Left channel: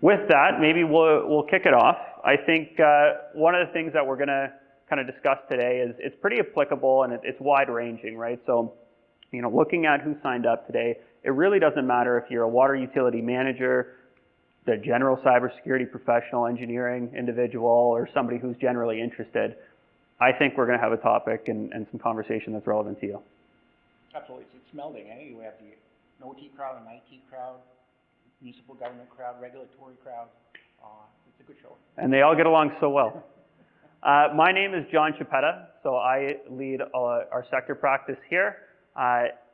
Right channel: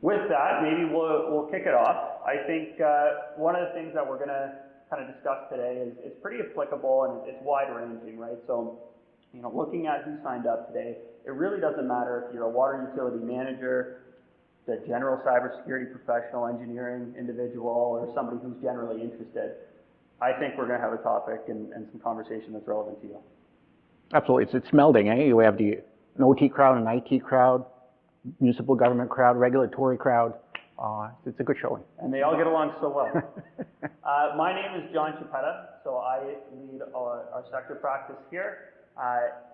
With that, maybe we'll kick it off. I think one of the things that we're going to kind of discuss today is it's pretty applicable and it's wide-ranging, right? So, looking at who signed up today, it really doesn't matter if you're a water utility manager, the general cybersecurity professional, engineering individual, or somebody who's generally interested. I think we're going to have a topic and some conversation that's relevant to you. Absolutely. It's melding, eh? We have an OT crowd, an IT crowd, municipal government crowd, regulatory crowd. It's a good showing. And they all get along so well. My name is John Chiapetta, so I lead our sector practice here.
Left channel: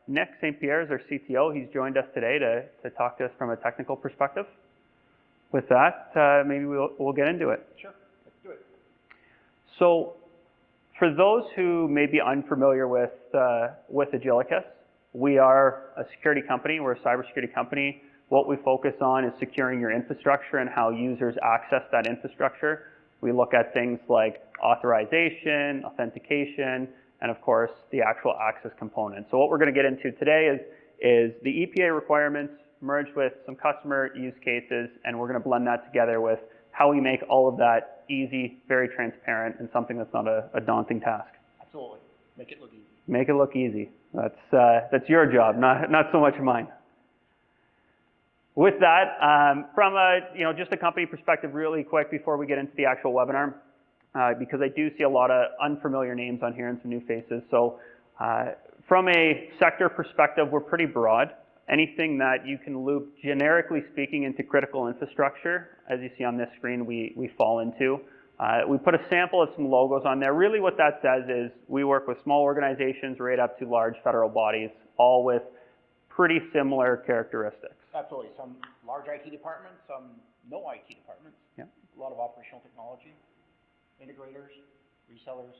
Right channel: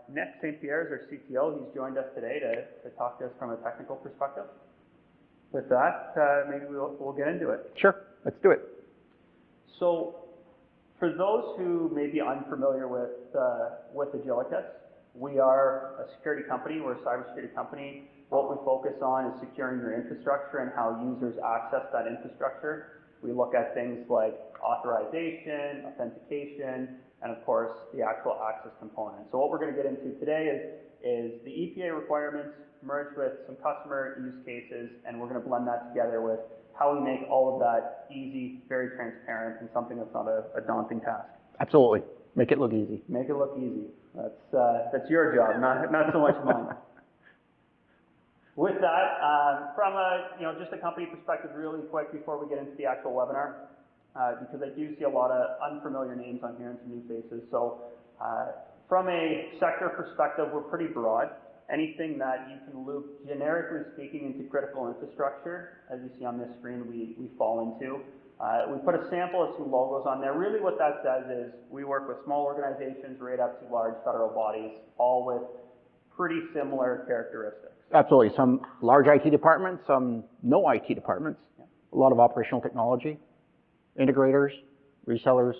Nick St. Pierre is our CTO. He's joined us today to talk to us from a technical perspective. With that, maybe we'll get into it. Sure, let's do it. So, for those who may be unfamiliar with Agilicus, we are a security company. We're a cybersecurity company. What we focus on is securing your infrastructure and how users access that infrastructure. We look at things like authorization, authentication, and of course, the actual access component. So what we're going to get into today is the EPA requirements merged with some customer use cases, and we're going to blend that together with how we make all of that easy, very transparent, and something that's not a daunting task. Absolutely. Make it look easy. Make it look easy. That's your job, not so much mine. With that, from just a company perspective, really quick before we get into the actual webinar, because I do see a lot of unfamiliar names on here and some new faces. So from a sector perspective, we're pretty broad. Anything that you can loop, generically speaking, into critical infrastructure, as you see on this screen, we fall into. We put a sample of some logos on there. Really what that says is we work with small organizations right up to large federal bodies, all with pretty similar characteristics. Absolutely. Some large IT departments, some no IT departments. Yeah. A lot of operational technology, integrators, resellers,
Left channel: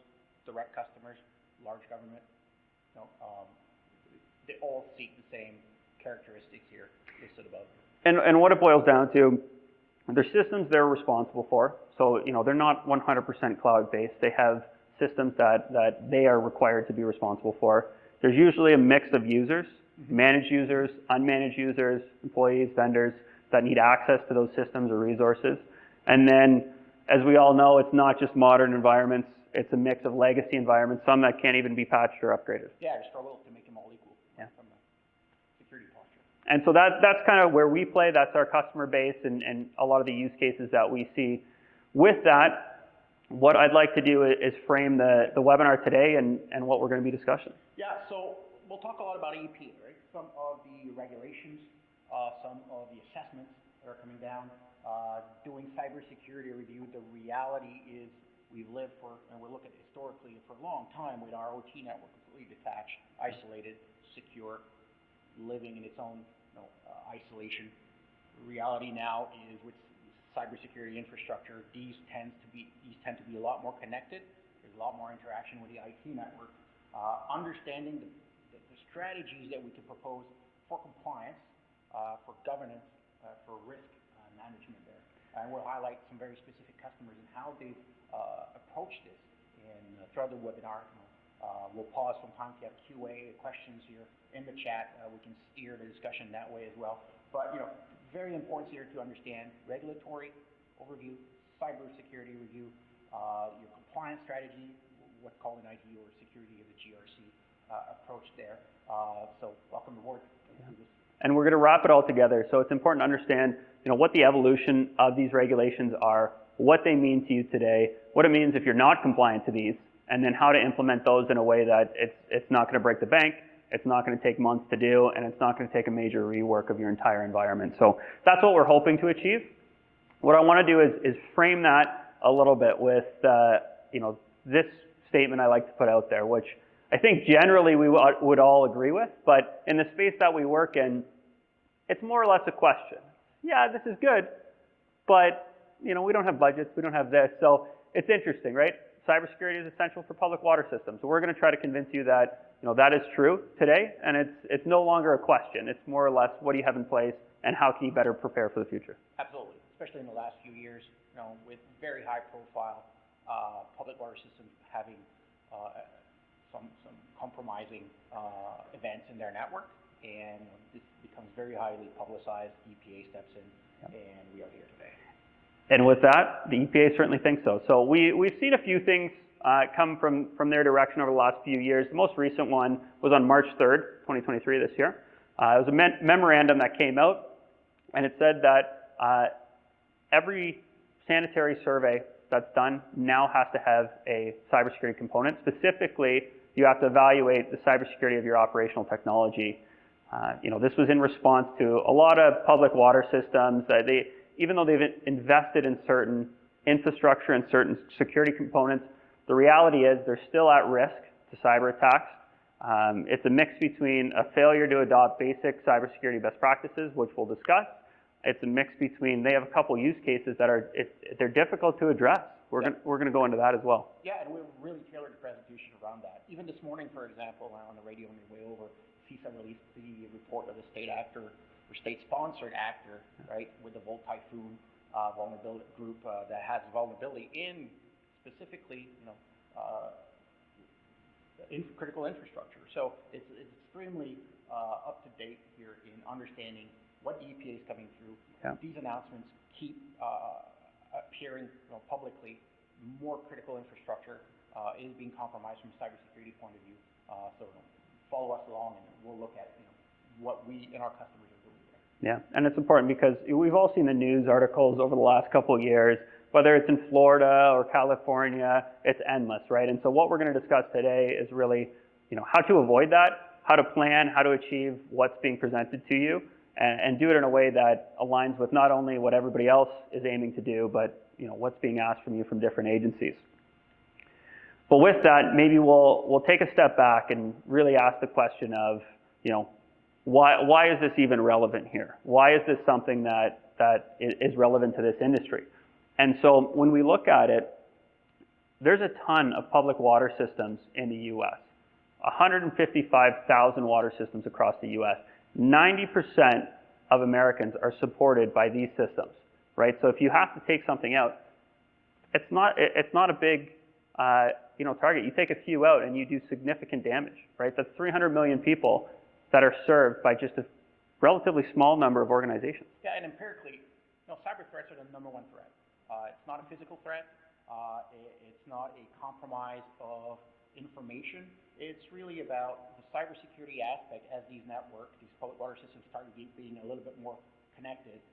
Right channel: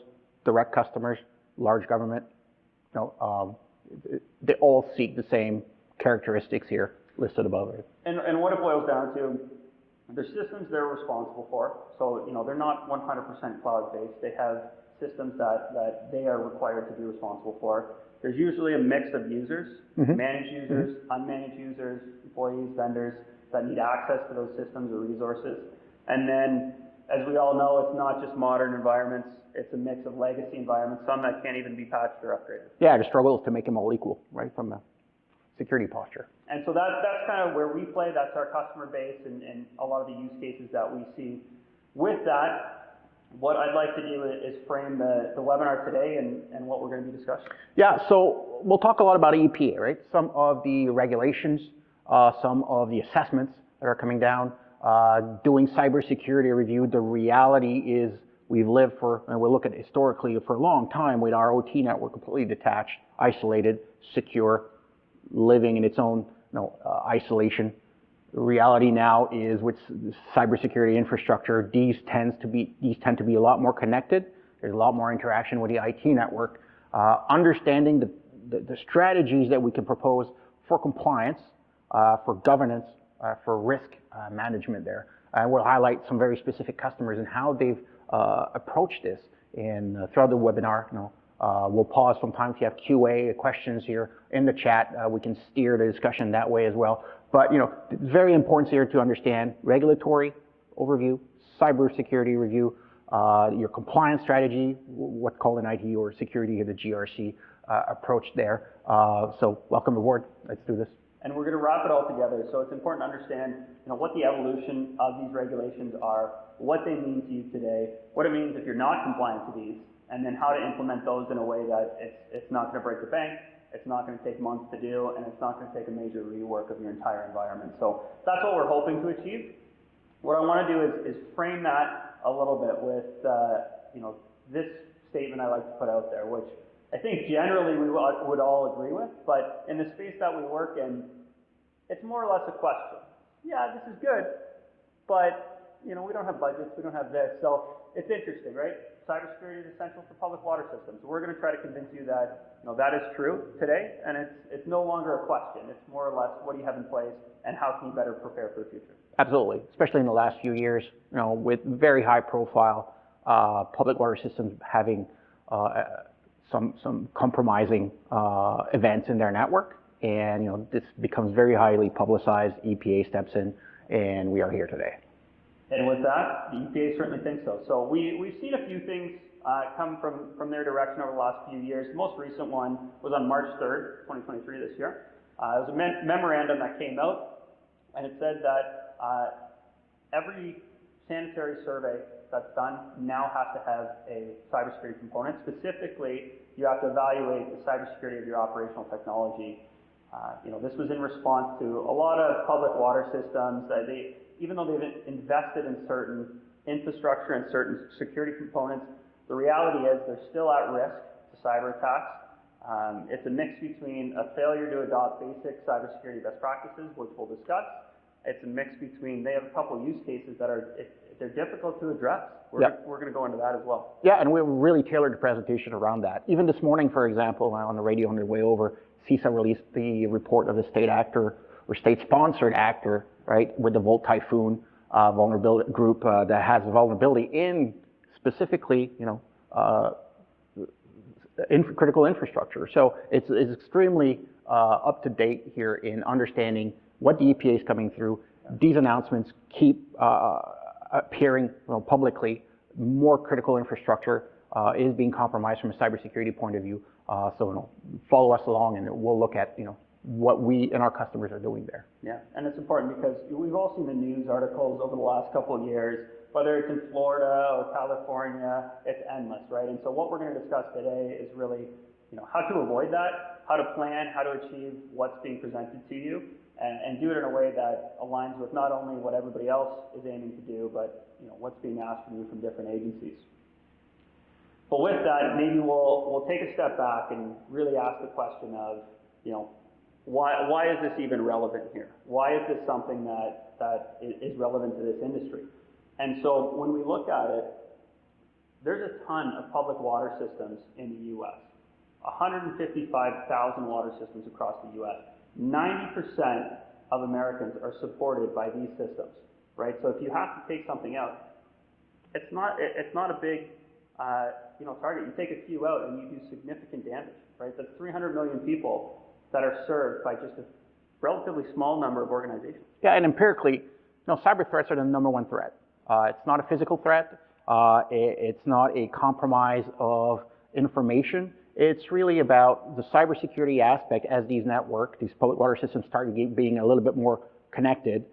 direct customers, large government. They all seek the same characteristics here listed above. And what it boils down to, there's systems they're responsible for. So, they're not 100% cloud-based. They have systems that they are required to be responsible for. There's usually a mix of users, managed users, unmanaged users, employees, vendors that need access to those systems or resources. And then, as we all know, it's not just modern environments. It's a mix of legacy environments, some that can't even be patched or upgraded. Yeah, the struggle is to make them all equal, right, from a security posture. And so that's kind of where we play. That's our customer base and a lot of the use cases that we see. With that, what I'd like to do is frame the webinar today and what we're going to be discussing. Yeah, so we'll talk a lot about EPA, right? Some of the regulations, some of the assessments that are coming down, doing cybersecurity review. The reality is we've lived and we'll look at historically for a long time with our OT network completely detached, isolated, secure, living in its own isolation. The reality now is with cybersecurity infrastructure, these tend to be a lot more connected. There's a lot more interaction with the IT network. Understanding the strategies that we can propose for compliance, for governance, for risk management there. And we'll highlight some very specific customers and how they've approached this. And throughout the webinar, we'll pause from time if you have QA questions here in the chat. We can steer the discussion that way as well. But it's very important here to understand regulatory overview, cybersecurity review, your compliance strategy, what's called an IT or security or the GRC approach there. So welcome aboard. Let's do this. And we're going to wrap it all together. So it's important to understand what the evolution of these regulations are, what they mean to you today, what it means if you're not compliant to these, and then how to implement those in a way that it's not going to break the bank, it's not going to take months to do, and it's not going to take a major rework of your entire environment. So that's what we're hoping to achieve. What I want to do is frame that a little bit with this statement I like to put out there, which I think generally we would all agree with, but in the space that we work in, it's more or less a question. Yeah, this is good, but we don't have budgets, we don't have this, so it's interesting, right? Cybersecurity is essential for public water systems. So we're going to try to convince you that that is true today, and it's no longer a question. It's more or less what do you have in place, and how can you better prepare for the future? Absolutely, especially in the last few years, with very high profile public water systems having some compromising events in their network, and this becomes very highly publicized. EPA steps in and we are here today. And with that, the EPA certainly thinks so. So we've seen a few things come from their direction over the last few years. The most recent one was on March 3rd, 2023, this year. It was a memorandum that came out, and it said that every sanitary survey that's done now has to have a cybersecurity component. Specifically, you have to evaluate the cybersecurity of your operational technology. This was in response to a lot of public water systems. Even though they've invested in certain infrastructure and certain security components, the reality is they're still at risk to cyber attacks. It's a mix between a failure to adopt basic cybersecurity best practices, which we'll discuss. It's a mix between, they have a couple use cases that they're difficult to address. We're going to go into that as well. Yeah, and we really tailored the presentation around that. Even this morning, for example, on the radio on their way over, CISA released the report of the state actor or state-sponsored actor, right, with the Volt Typhoon vulnerability group that has a vulnerability in specifically, critical infrastructure. So it's extremely up to date here in understanding what the EPA is coming through. Yeah. These announcements keep appearing publicly. More critical infrastructure is being compromised from a cybersecurity point of view. So follow us along, and we'll look at what we and our customers are doing there. Yeah, and it's important because we've all seen the news articles over the last couple of years, whether it's in Florida or California, it's endless, right? And so what we're going to discuss today is really, how to avoid that, how to plan, how to achieve what's being presented to you, and do it in a way that aligns with not only what everybody else is aiming to do, but what's being asked from you from different agencies. But with that, maybe we'll take a step back and really ask the question of, why is this even relevant here? Why is this something that is relevant to this industry? And so when we look at it, there's a ton of public water systems in the U.S. 155,000 water systems across the U.S. 90% of Americans are supported by these systems, right? So if you have to take something out, it's not a big target. You take a few out and you do significant damage, right? That's 300 million people that are served by just a relatively small number of organizations. Yeah, and empirically, cyber threats are the #1 threat. It's not a physical threat. It's not a compromise of information. It's really about the cybersecurity aspect as these public water systems start being a little bit more connected.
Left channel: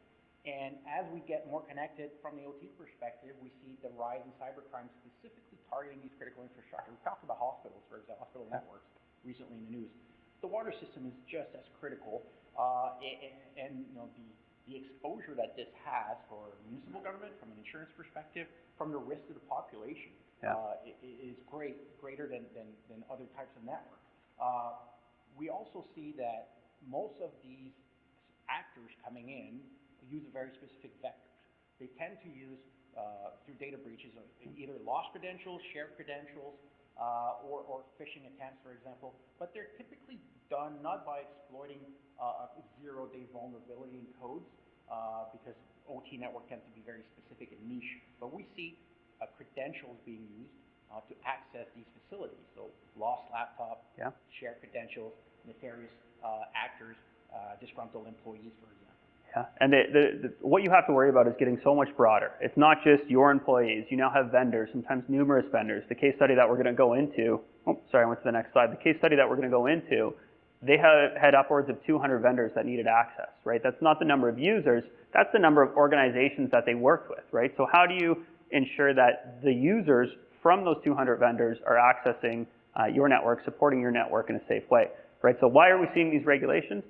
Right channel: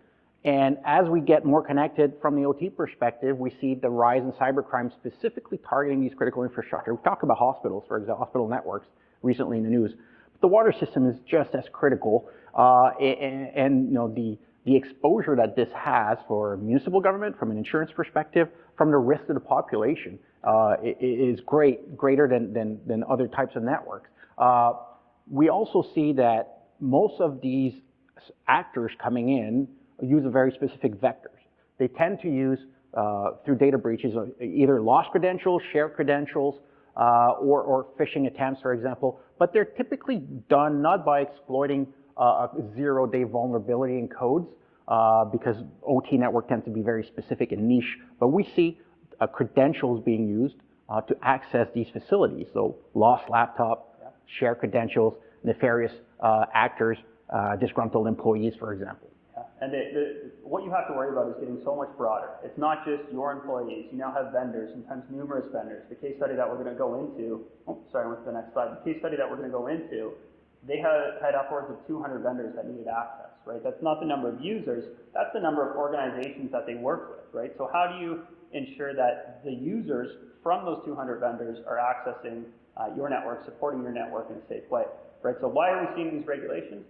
And as we get more connected from the OT perspective, we see the rise in cybercrime specifically targeting these critical infrastructure. We talk about hospitals, for example, hospital networks recently in the news. The water system is just as critical, and the exposure that this has for municipal government, from an insurance perspective, from the risk to the population, is greater than other types of networks. We also see that most of these actors coming in use a very specific vectors. They tend to use, through data breaches, either lost credentials, shared credentials, or phishing attempts, for example, but they're typically done not by exploiting a zero-day vulnerability in codes, because OT network tends to be very specific and niche, but we see credentials being used to access these facilities. So lost laptop, shared credentials, nefarious actors, disgruntled employees, for example. Yeah, and what you have to worry about is getting so much broader. It's not just your employees. You now have vendors, sometimes numerous vendors. The case study that we're going to go into, I went to the next slide. The case study that we're going to go into, they had upwards of 200 vendors that needed access, right? That's not the number of users, that's the number of organizations that they work with, right? So how do you ensure that the users from those 200 vendors are accessing your network, supporting your network in a safe way, right? So why are we seeing these regulations?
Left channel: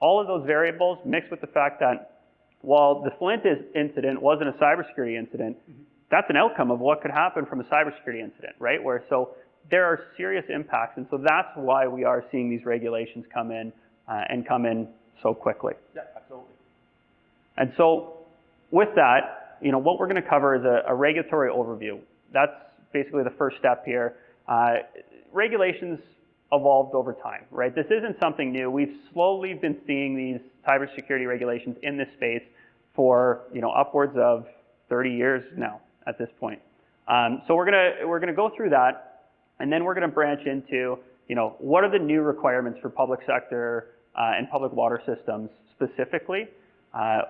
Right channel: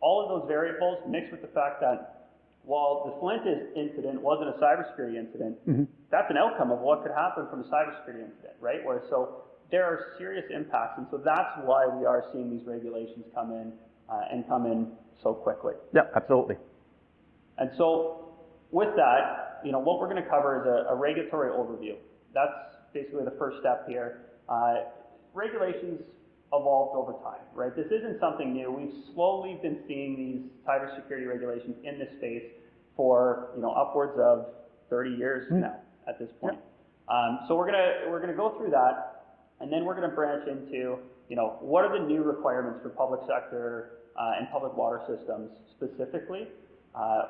All of those variables mixed with the fact that while the Flint incident wasn't a cybersecurity incident, that's an outcome of what could happen from a cybersecurity incident, right? So there are serious impacts, and so that's why we are seeing these regulations come in and come in so quickly. Yeah, absolutely. And so with that, what we're going to cover is a regulatory overview. That's basically the first step here. Regulations evolved over time, right? This isn't something new. We've slowly been seeing these cybersecurity regulations in this space for upwards of 30 years now at this point. So we're gonna go through that, and then we're gonna branch into what are the new requirements for public sector and public water systems specifically.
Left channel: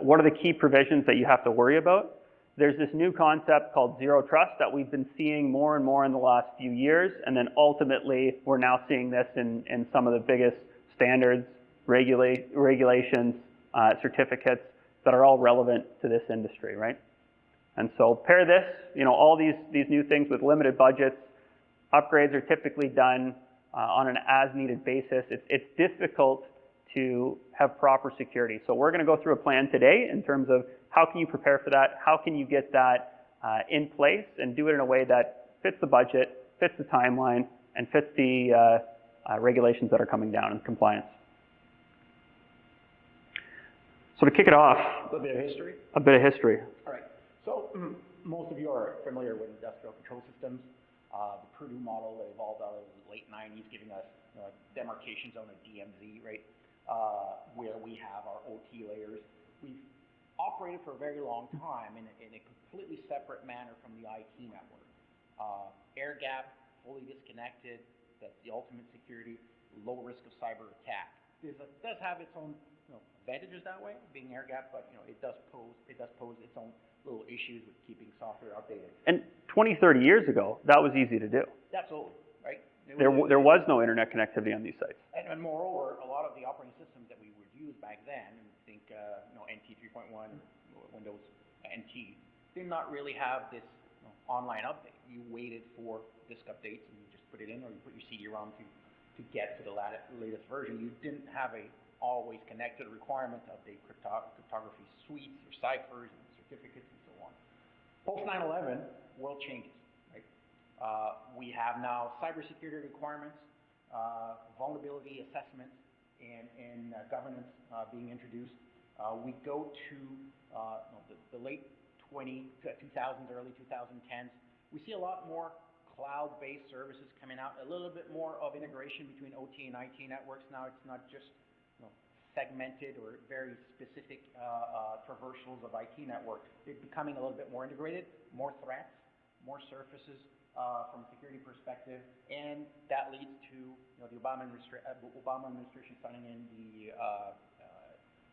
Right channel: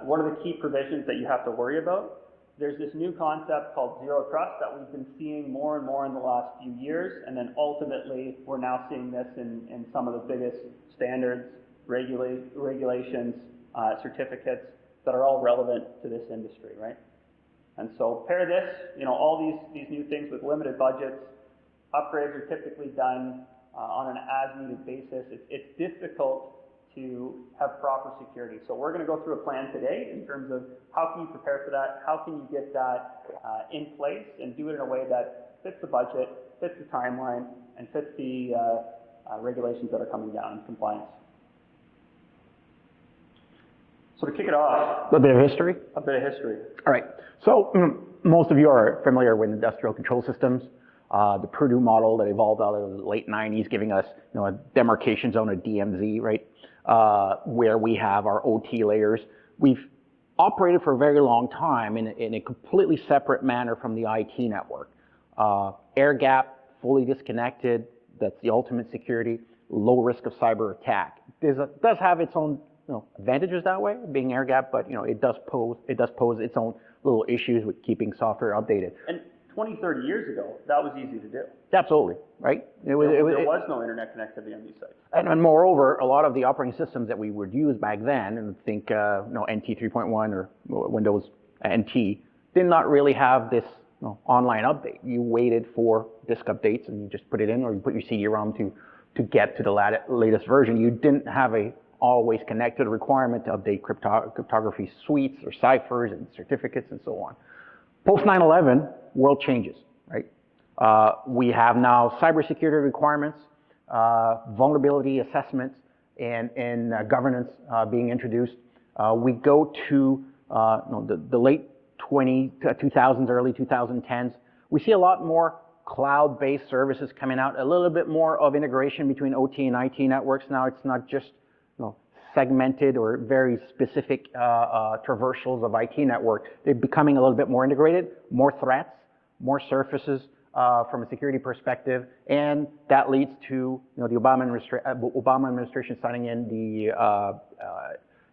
What are the key provisions that you have to worry about? There's this new concept called zero trust that we've been seeing more and more in the last few years, and then ultimately we're now seeing this in some of the biggest standards, regulations, certificates that are all relevant to this industry, right? And so pair this, all these new things with limited budgets. Upgrades are typically done on an as-needed basis. It's difficult to have proper security. So we're going to go through a plan today in terms of how can you prepare for that, how can you get that in place and do it in a way that fits the budget, fits the timeline, and fits the regulations that are coming down in compliance. So to kick it off, A bit of history? a bit of history. All right. So most of you are familiar with industrial control systems. The Purdue model that evolved out of the late 90s, giving us a demarcation zone, a DMZ, right, where we have our OT layers. We've operated for a very long time in a completely separate manner from the IT network. Air gap, fully disconnected, that's the ultimate security, low risk of cyber attack. It does have its own advantages that way, being air gap, but it does pose its own little issues with keeping software updated. And 20, 30 years ago, that was easy to do. Absolutely, right? There was no internet connectivity on these sites. And moreover, a lot of the operating systems that we would use back then, and think NT 3.1 or Windows NT, did not really have this online update. You waited for disk updates and you just put it in, or you put your CD-ROM to get to the latest version. You didn't have a always connected requirement to update cryptography suites or ciphers and certificates and so on. Post 9/11, world changes, right? We have now cybersecurity requirements, vulnerability assessments, and governance being introduced. We go to the late 2000s, early 2010s. We see a lot more cloud-based services coming out, a little bit more of integration between OT and IT networks. Now it's not just segmented or very specific traversals of IT network. They're becoming a little bit more integrated, more threats, more surfaces from a security perspective, and that leads to the Obama administration signing in the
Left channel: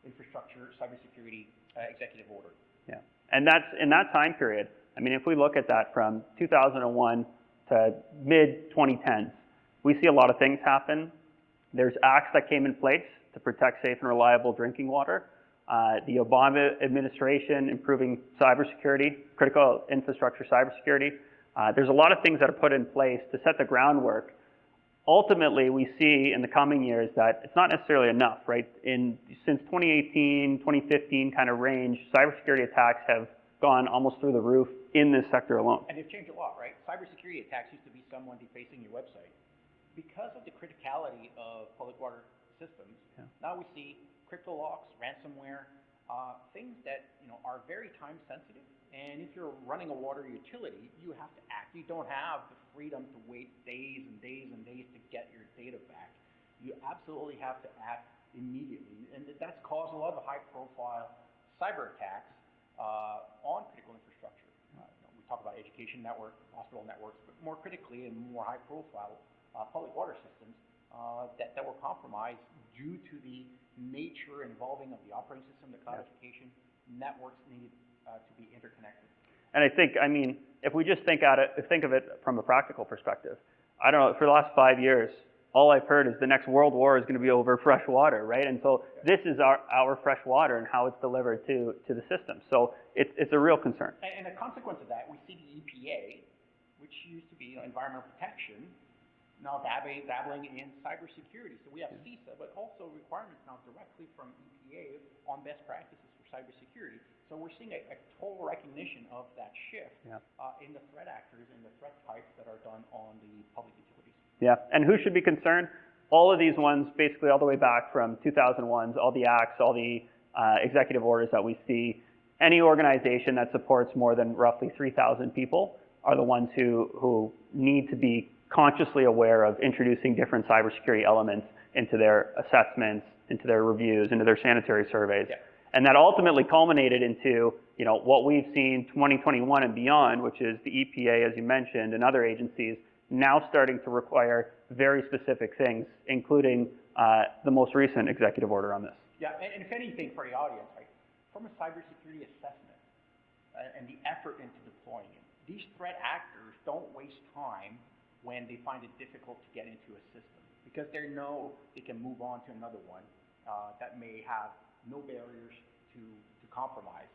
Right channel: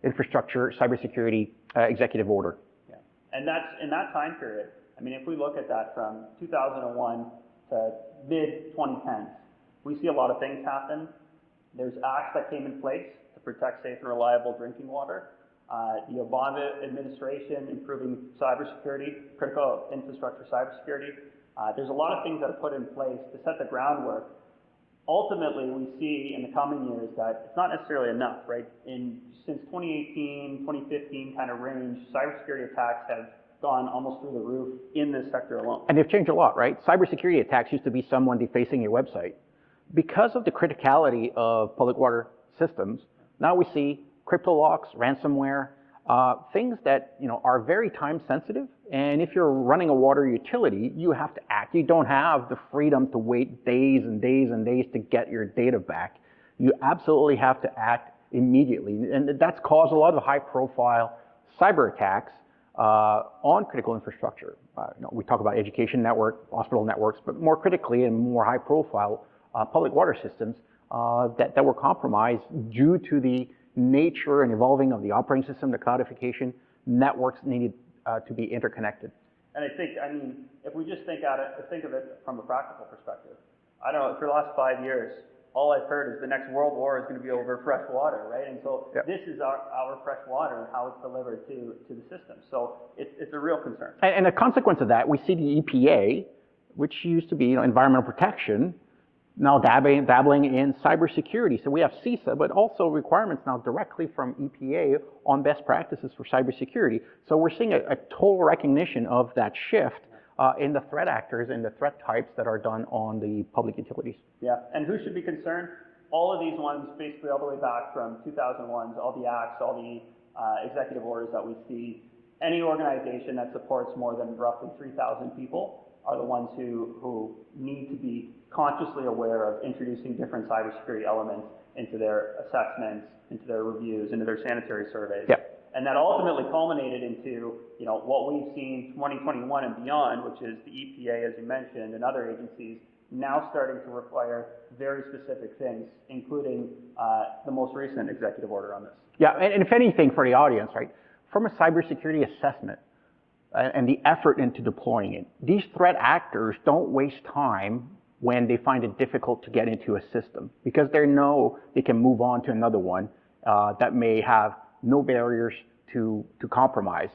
infrastructure cybersecurity executive order. Yeah, and that's in that time period. I mean, if we look at that from 2001 to mid-2010s, we see a lot of things happen. There's acts that came in place to protect safe and reliable drinking water. The Obama administration improving cybersecurity, critical infrastructure cybersecurity. There's a lot of things that are put in place to set the groundwork. Ultimately, we see in the coming years that it's not necessarily enough, right? Since 2018, 2015 kind of range, cybersecurity attacks have gone almost through the roof in this sector alone. And they've changed a lot, right? Cybersecurity attacks used to be someone defacing your website. Because of the criticality of public water systems, now we see crypto locks, ransomware, things that are very time sensitive. And if you're running a water utility, you have to act. You don't have the freedom to wait days and days and days to get your data back. You absolutely have to act immediately. And that's caused a lot of high profile cyber attacks on critical infrastructure. We talk about education network, hospital networks, but more critically and more high profile public water systems that were compromised due to the nature and evolving of the operating system, the cloudification, networks needed to be interconnected. And I think, if we just think of it from a practical perspective, I don't know, for the last 5 years, all I've heard is the next world war is going to be over fresh water, right? And so this is our fresh water and how it's delivered to the system. So it's a real concern. And a consequence of that, we see the EPA, which used to be environmental protection, now dabbling in cybersecurity. So we have CISA, but also requirements now directly from EPA on best practices for cybersecurity. So we're seeing a total recognition of that shift in the threat actors and the threat types that are done on the public utilities. Yeah, and who should be concerned? All of these ones, basically all the way back from 2001s, all the acts, all the executive orders that we see, any organization that supports more than roughly 3,000 people are the ones who need to be consciously aware of introducing different cybersecurity elements into their assessments, into their reviews, into their sanitary surveys. Yeah. And that ultimately culminated into what we've seen 2021 and beyond, which is the EPA, as you mentioned, and other agencies now starting to require very specific things, including the most recent executive order on this. Yeah, and if anything for the audience, right, from a cybersecurity assessment and the effort into deploying it, these threat actors don't waste time when they find it difficult to get into a system, because they know they can move on to another one that may have no barriers to compromise.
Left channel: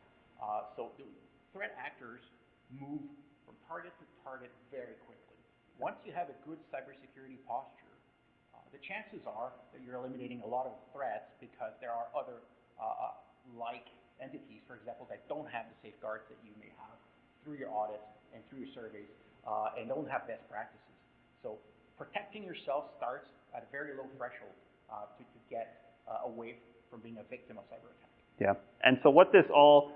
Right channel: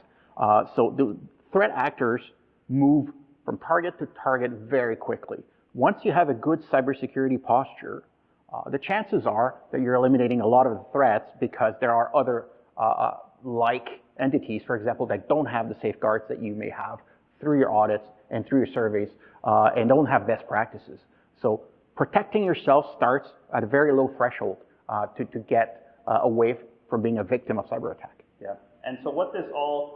So the threat actors move from target to target very quickly. Once you have a good cybersecurity posture, the chances are that you're eliminating a lot of the threats, because there are other like entities, for example, that don't have the safeguards that you may have through your audits and through your surveys, and don't have best practices. So protecting yourself starts at a very low threshold to get away from being a victim of cyber attack. Yeah, and so what this all,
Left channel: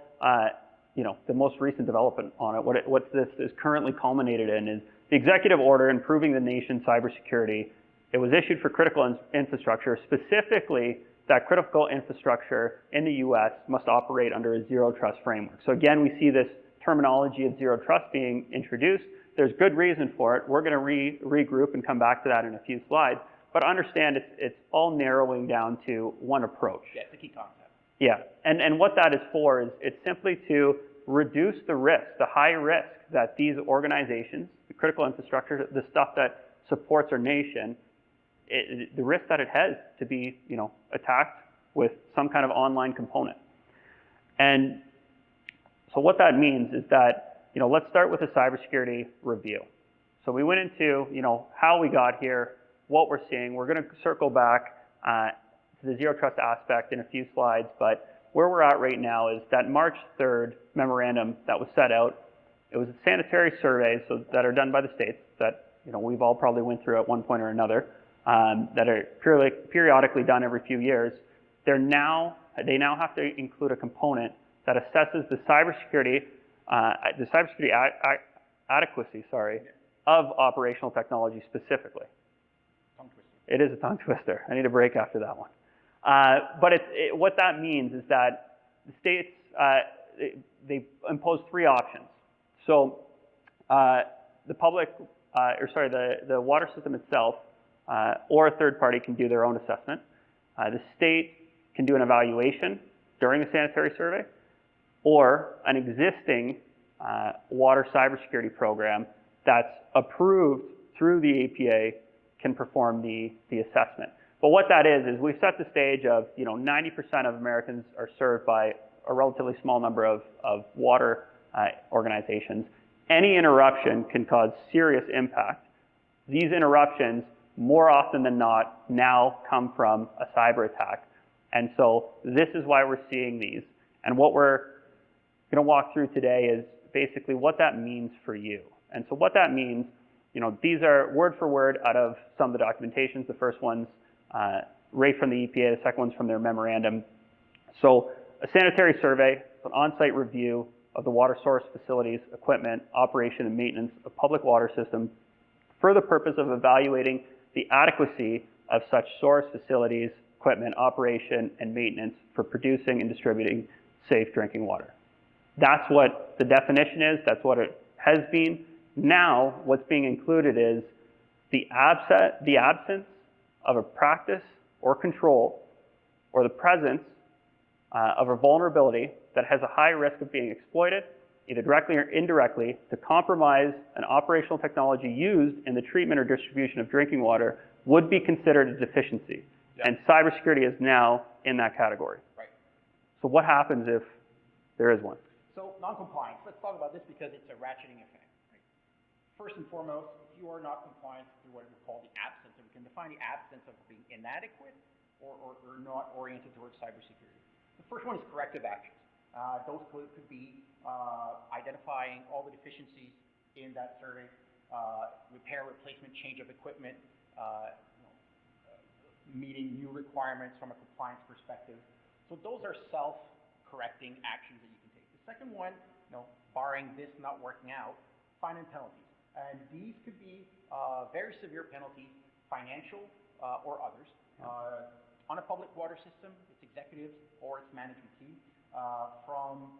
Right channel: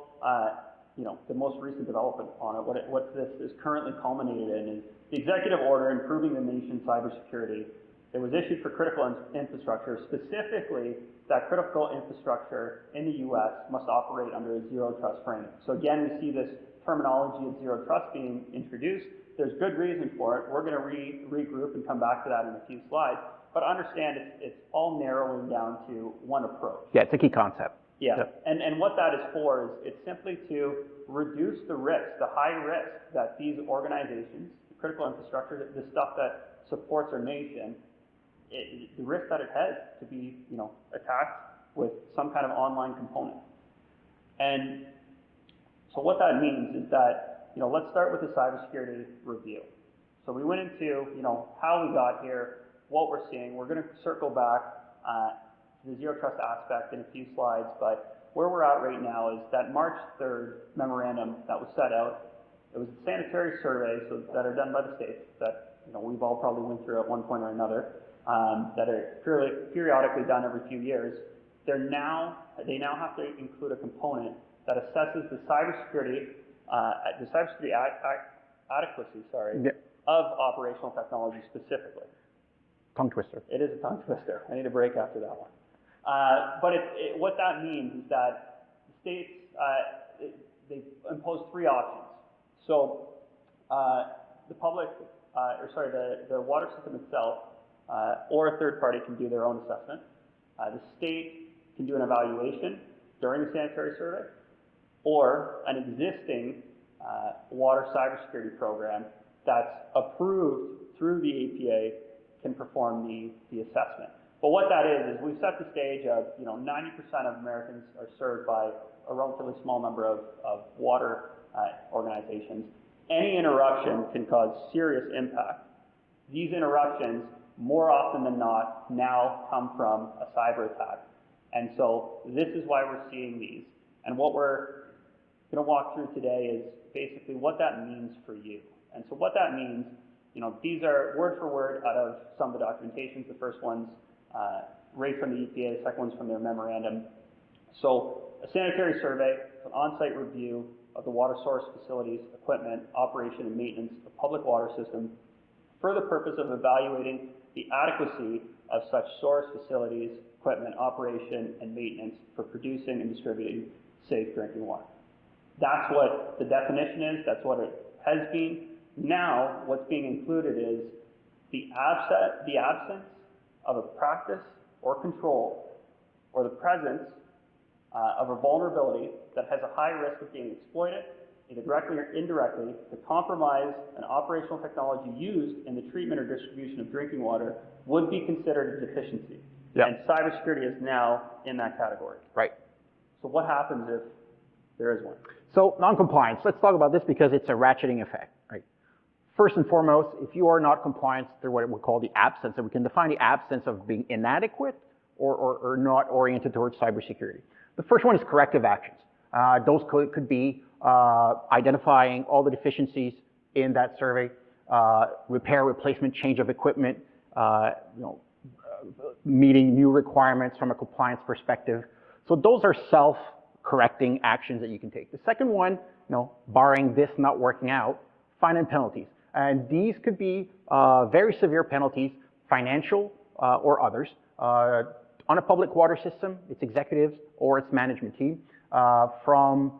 the most recent development on it, what this is currently culminated in is the executive order improving the nation's cybersecurity. It was issued for critical infrastructure, specifically that critical infrastructure in the US must operate under a zero trust framework. So again, we see this terminology of zero trust being introduced. There's good reason for it. We're going to regroup and come back to that in a few slides. But understand it's all narrowing down to one approach. Yeah, it's a key concept. Yeah, and what that is for is it's simply to reduce the risk, the high risk that these organizations, the critical infrastructure, the stuff that supports our nation, the risk that it has to be, attacked with some kind of online component. And so what that means is that, let's start with a cybersecurity review. So we went into, how we got here, what we're seeing. We're going to circle back to the zero trust aspect in a few slides, but where we're at right now is that March 3rd memorandum that was set out. It was sanitary surveys that are done by the states that, we've all probably went through at one point or another, that are periodically done every few years. They now have to include a component that assesses the cybersecurity adequacy, of operational technology specifically. Tongue twister. It is a tongue twister. I need a break after that one. But what that means is that the states, they impose three options. So the water system itself or a third party can do their own assessment. The state can do an evaluation during the sanitary survey, or an existing water cybersecurity program that's approved through the APA can perform the assessment. But what that is we set the stage of, 90% of Americans are served by a relatively small number of water organizations. Any interruption can cause serious impact. These interruptions, more often than not, now come from a cyber attack. And so this is why we're seeing these. And what we're going to walk through today is basically what that means for you. And so what that means, these are word for word out of some of the documentations. The first one's right from the EPA, the second one's from their memorandum. So a sanitary survey, an on-site review of the water source facilities, equipment, operation, and maintenance of public water system for the purpose of evaluating the adequacy of such source facilities, equipment, operation, and maintenance for producing and distributing safe drinking water. That's what the definition is. That's what it has been. Now, what's being included is the absence of a practice or control, or the presence of a vulnerability that has a high risk of being exploited, either directly or indirectly, to compromise an operational technology used in the treatment or distribution of drinking water would be considered a deficiency. Yeah. And cybersecurity is now in that category. Right. So what happens if there is one? So non-compliance, let's talk about this because it's a ratcheting effect, right? First and foremost, if you are not compliant through what we call the absence, and we can define the absence of being inadequate or not oriented towards cybersecurity. The first one is corrective actions. Those could be identifying all the deficiencies in that survey, repair, replacement, change of equipment, meeting new requirements from a compliance perspective. So those are self-correcting actions that you can take. The second one, barring this not working out, fine and penalties. And these could be very severe penalties, financial or others, on a public water system, its executives or its management team, from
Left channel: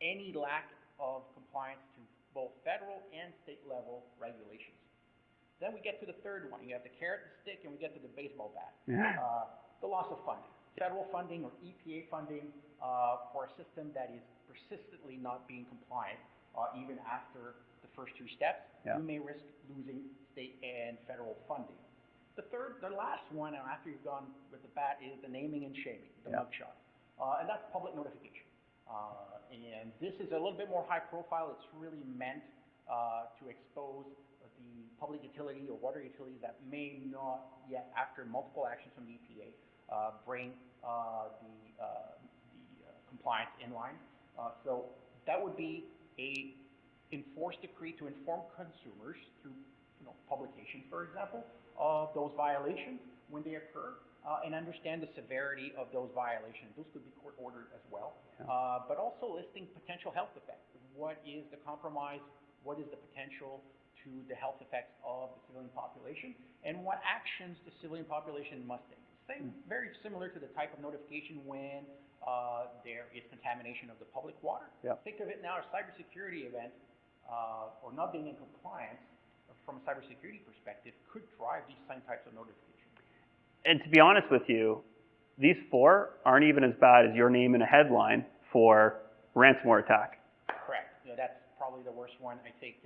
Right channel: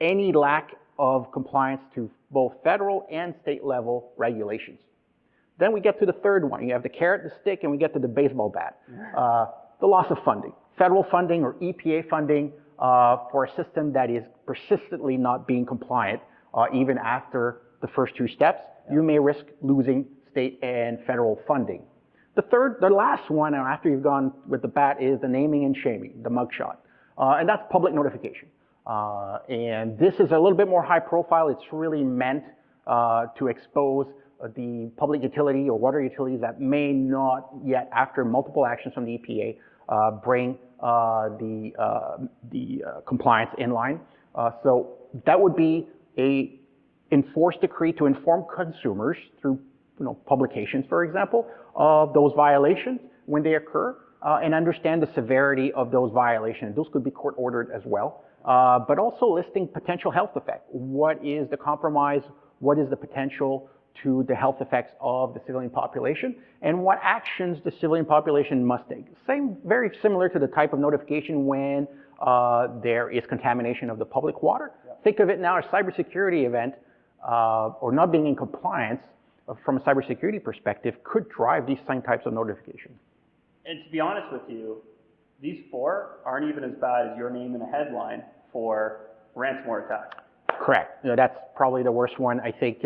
any lack of compliance to both federal and state level regulations. Then we get to the third one. You have the carrot, the stick, and we get to the baseball bat. The loss of funding. Federal funding or EPA funding for a system that is persistently not being compliant, even after the first two steps, you may risk losing state and federal funding. The last one, after you've gone with the bat, is the naming and shaming, the mugshot. And that's public notification. And this is a little bit more high profile. It's really meant to expose the public utility or water utilities that may not yet, after multiple actions from the EPA, bring the compliance in line. So that would be a enforced decree to inform consumers through publications, for example, of those violations when they occur, and understand the severity of those violations. Those could be court ordered as well, but also listing potential health effect. What is the compromise? What is the potential to the health effects of the civilian population, and what actions the civilian population must take. Very similar to the type of notification when there is contamination of the public water. Think of it now as a cybersecurity event, or not being in compliance from a cybersecurity perspective could drive these same types of notifications. And to be honest with you, these four aren't even as bad as your name in a headline for ransomware attack. Correct. That's probably the worst one. I think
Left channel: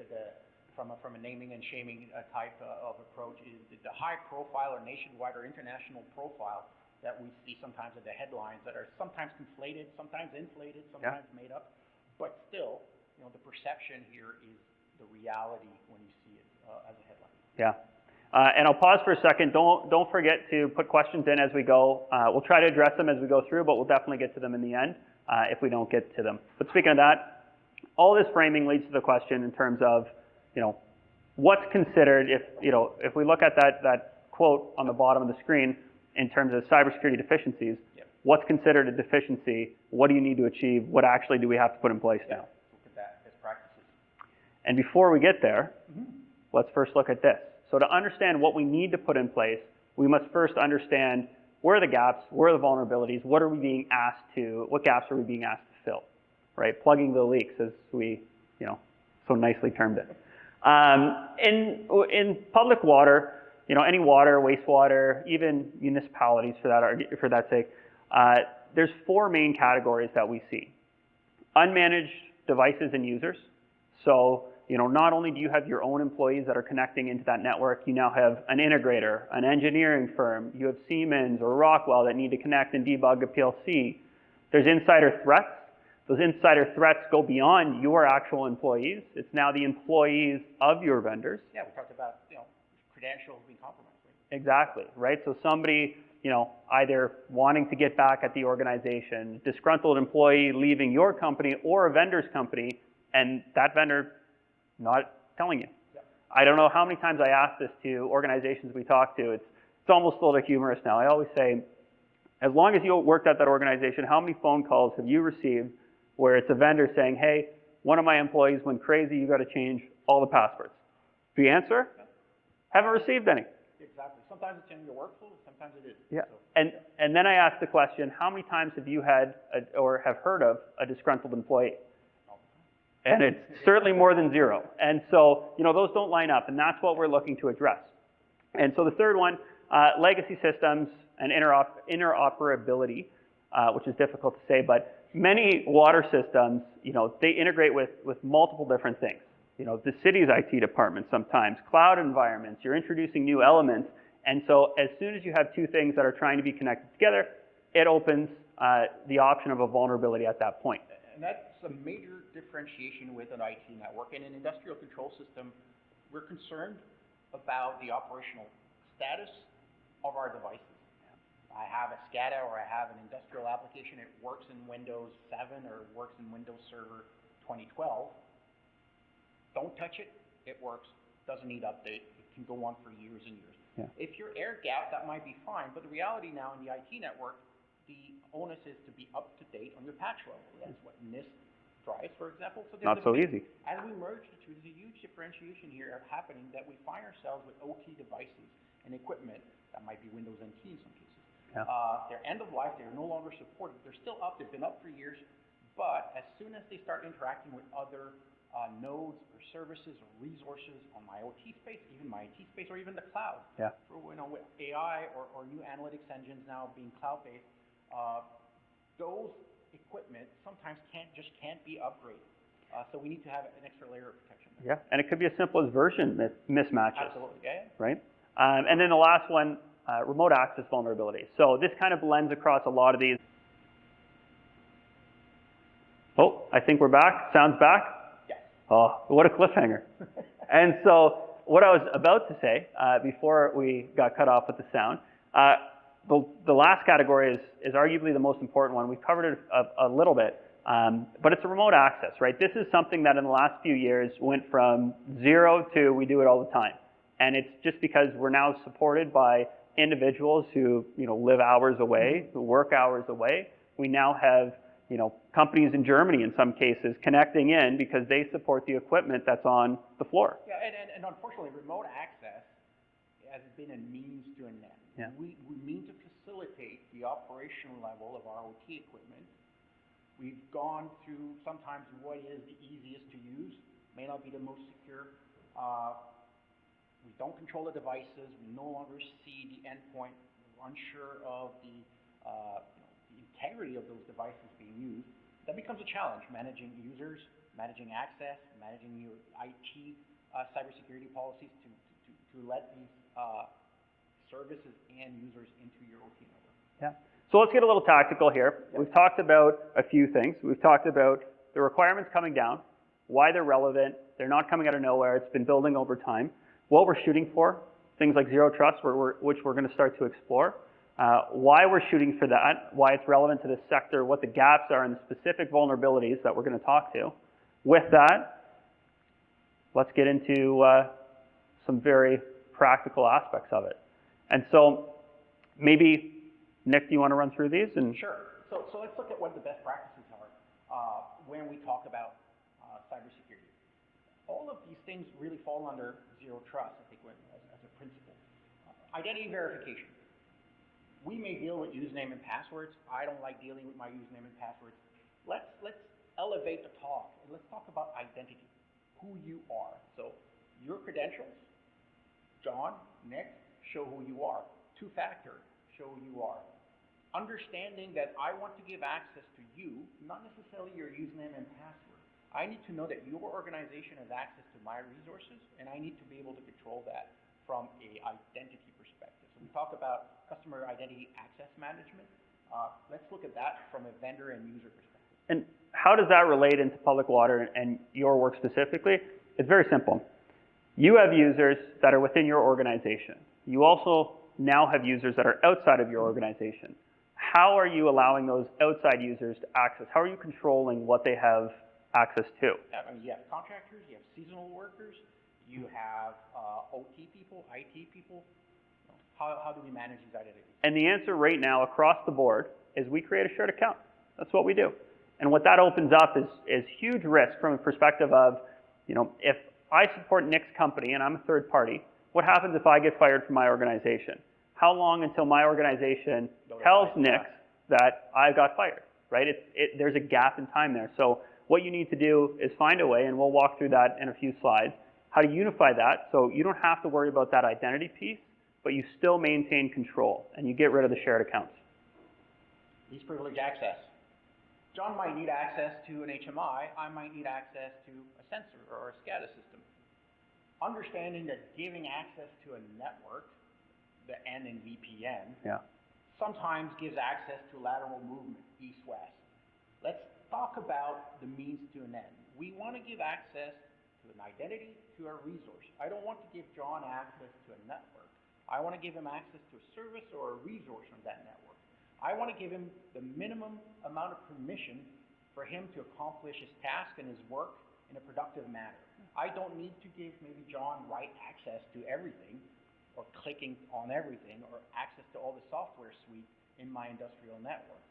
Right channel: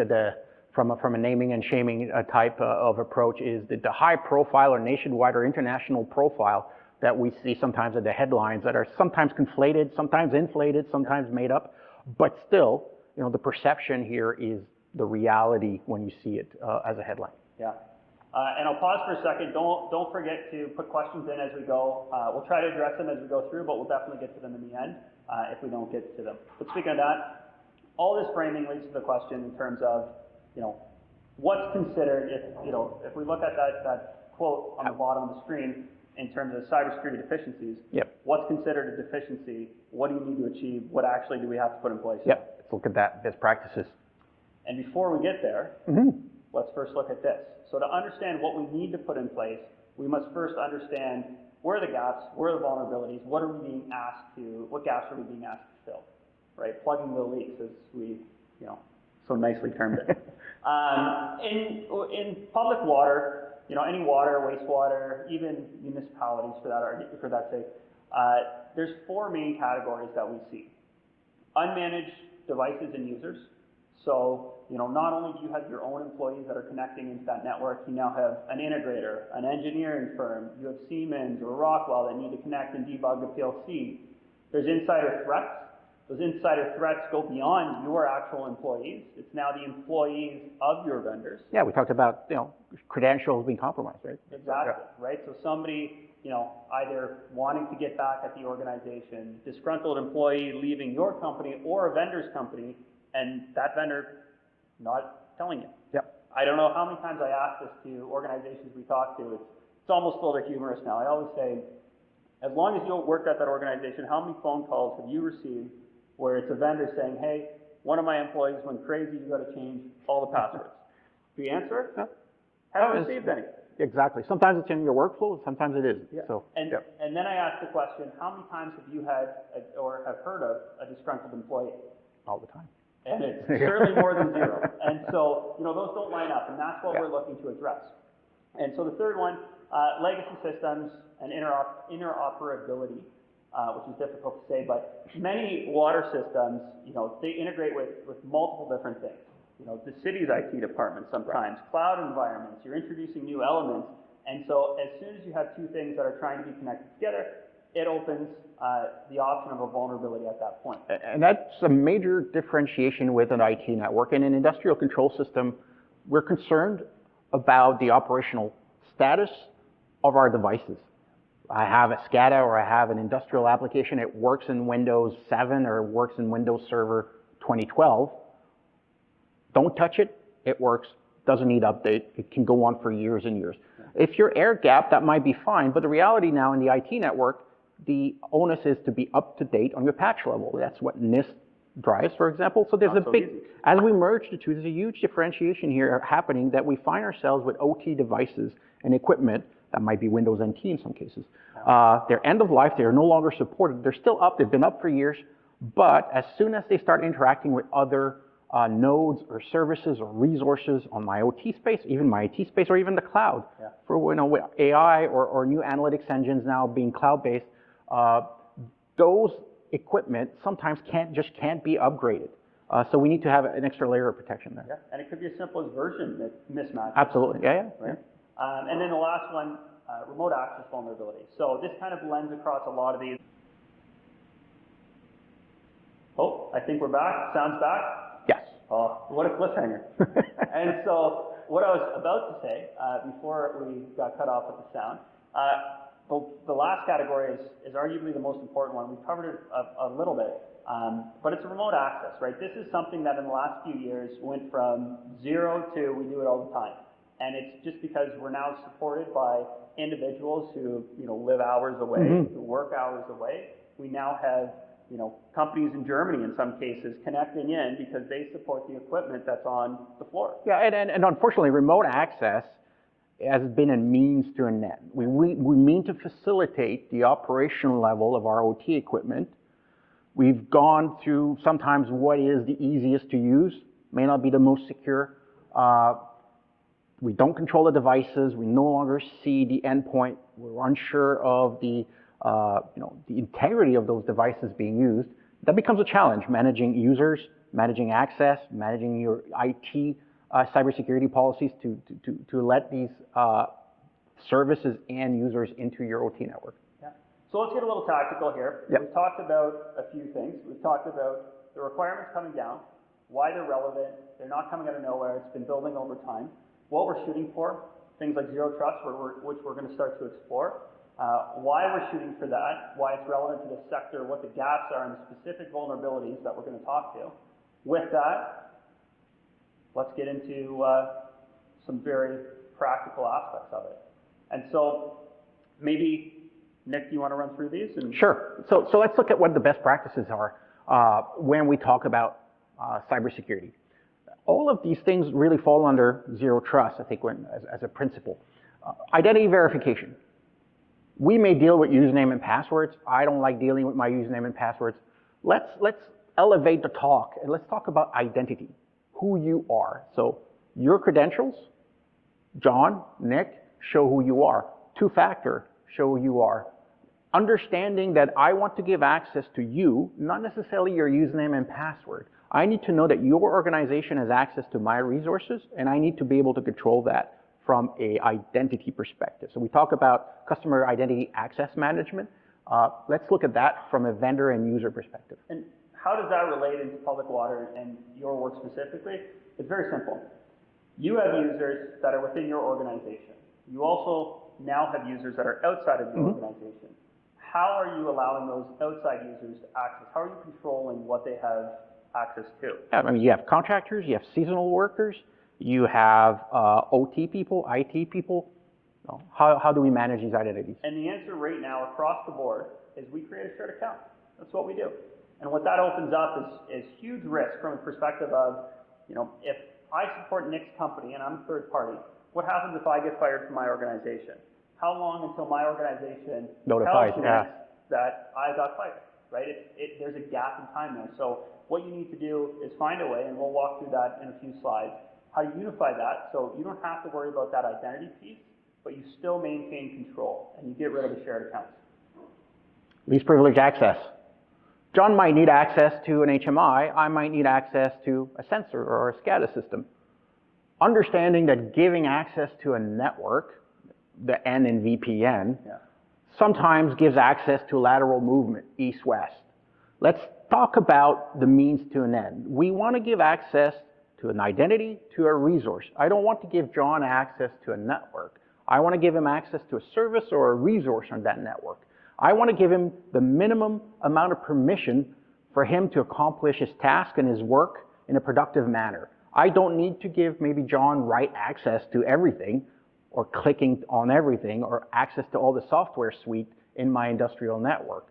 from a naming and shaming type of approach is the high profile or nationwide or international profile that we see sometimes in the headlines that are sometimes conflated, sometimes inflated, sometimes made up, but still, the perception here is the reality when you see it as a headline. Yeah. And I'll pause for a second. Don't forget to put questions in as we go. We'll try to address them as we go through, but we'll definitely get to them in the end if we don't get to them. But speaking of that, all this framing leads to the question in terms of, what's considered if we look at that quote on the bottom of the screen in terms of cybersecurity deficiencies, what's considered a deficiency? What do you need to achieve? What actually do we have to put in place? Let's look at that, best practices. And before we get there, let's first look at this. So to understand what we need to put in place, we must first understand where are the gaps, where are the vulnerabilities, what gaps are we being asked to fill, right? Plugging the leaks, as we, so nicely termed it. In public water, any water, wastewater, even municipalities for that sake, there's four main categories that we see. Unmanaged devices and users. So, not only do you have your own employees that are connecting into that network, you now have an integrator, an engineering firm, you have Siemens or Rockwell that need to connect and debug a PLC. There's insider threats. Those insider threats go beyond your actual employees. It's now the employees of your vendors. Yeah, we talked about, credentials being compromised, right? Exactly, right? So somebody, either wanting to get back at the organization, disgruntled employee leaving your company or a vendor's company, and that vendor not telling you. I don't know how many times I ask this to organizations we talk to. It's almost a little humorous now. I always say, as long as you worked at that organization, how many phone calls have you received where it's a vendor saying, hey, one of my employees went crazy, you got to change all the passwords? The answer? No. Haven't received any. Exactly. Sometimes it's in your workflow, sometimes it isn't. So, and then I ask the question, how many times have you had or have heard of a disgruntled employee? All the time. And it's certainly more than zero. And so, those don't line up, and that's what we're looking to address. And so the third one, legacy systems and interoperability, which is difficult to say, but many water systems, they integrate with multiple different things. The city's IT department sometimes, cloud environments, you're introducing new elements. And so as soon as you have two things that are trying to be connected together, it opens the option of a vulnerability at that point. And that's a major differentiation with an IT network. In an industrial control system, we're concerned about the operational status of our devices. I have a SCADA or I have an industrial application, it works in Windows 7 or works in Windows Server 2012. Don't touch it, it works, doesn't need update, it can go on for years and years. If you're air gap, that might be fine, but the reality now in the IT network, the onus is to be up to date on your patch level. That's what NIST drives, for example. So there's as we merge the two, there's a huge differentiation here happening that we find ourselves with OT devices and equipment that might be Windows NT in some cases. They're end of life, they're no longer supported. They're still up, they've been up for years, but as soon as they start interacting with other nodes or services or resources on my OT space, even my IT space, or even the cloud, for with AI or new analytics engines now being cloud-based, those equipment sometimes can't be upgraded. So we need to have an extra layer of protection there. Yeah, and it could be as simple as version mismatches. Absolutely, yeah. Right? And then the last one, remote access vulnerability. So this kind of blends across a lot of these. Oh, I think we're back. Sound's back? Yes. Oh, what a cliffhanger. And so what I was about to say before we got cut off with the sound, the last category is arguably the most important one. We covered it a little bit, but it's a remote access, right? This is something that in the last few years went from 0 to we do it all the time. And it's just because we're now supported by individuals who live hours away, who work hours away. We now have companies in Germany in some cases connecting in because they support the equipment that's on the floor. Yeah, and unfortunately, remote access has been a means to an end. Yeah. We mean to facilitate the operational level of our OT equipment. We've gone through sometimes what is the easiest to use, may not be the most secure. We don't control the devices. We no longer see the endpoint. We're unsure of the integrity of those devices being used. That becomes a challenge, managing users, managing access, managing your IT cybersecurity policies to let these services and users into your OT network. Yeah. So let's get a little tactical here. Yep. We've talked about a few things. We've talked about the requirements coming down, why they're relevant. They're not coming out of nowhere. It's been building over time. What we're shooting for, things like zero trust, which we're going to start to explore. Why we're shooting for that, why it's relevant to this sector, what the gaps are and the specific vulnerabilities that we're going to talk to. With that, let's get into some very practical aspects of it. And so maybe, Nick, do you want to run through these? Sure. So let's look at what the best practices are when we talk about cybersecurity. All of these things really fall under zero trust, I think, as a principle. Identity verification. We may deal with username and passwords. I don't like dealing with my username and passwords. Let's elevate the talk and let's talk about identity, who you are. So your credentials, John, Nick, show who you are. Two-factor, show who you are. Understanding that I want to give access to you, not necessarily your username and password. I need to know that your organization has access to my resources, and I need to be able to control that from an identity perspective. So we talk about customer identity access management. Let's look at that from a vendor and user perspective. And how does that relate into public water and your work specifically? It's very simple. You have users that are within your organization. You also now have users that are outside of your organization. How are you allowing those outside users to access? How are you controlling what they have access to? Yeah, I mean, you have contractors, you have seasonal workers, you have OT people, IT people. How do we manage these identities? And the answer right now across the board is we create a shared account. That's what we do. And what that opens up is huge risk from a perspective of, if I support Nick's company and I'm a third party, what happens if I get fired from my organization? How long until my organization tells Nick that I got fired, right? There's a gap in time there. So what you need to do is find a way, and we'll walk through that in a few slides, how to unify that so you don't have to worry about that identity piece, but you still maintain control and you get rid of the shared accounts. Least privilege access. John might need access to an HMI. I might need access to a sensor or a SCADA system. Understanding that giving access to a network, the N in VPN, sometimes gives access to lateral movement, east-west. Let's talk about the means to an end. We want to give access to an identity, to a resource. I don't want to give John access to a network. I want to give him access to a service or a resource on that network. I want to give him the minimum amount of permission for him to accomplish his task and his work in a productive manner. I don't need to give maybe John write access to everything or clicking on everything or access to all the software suite in my industrial network.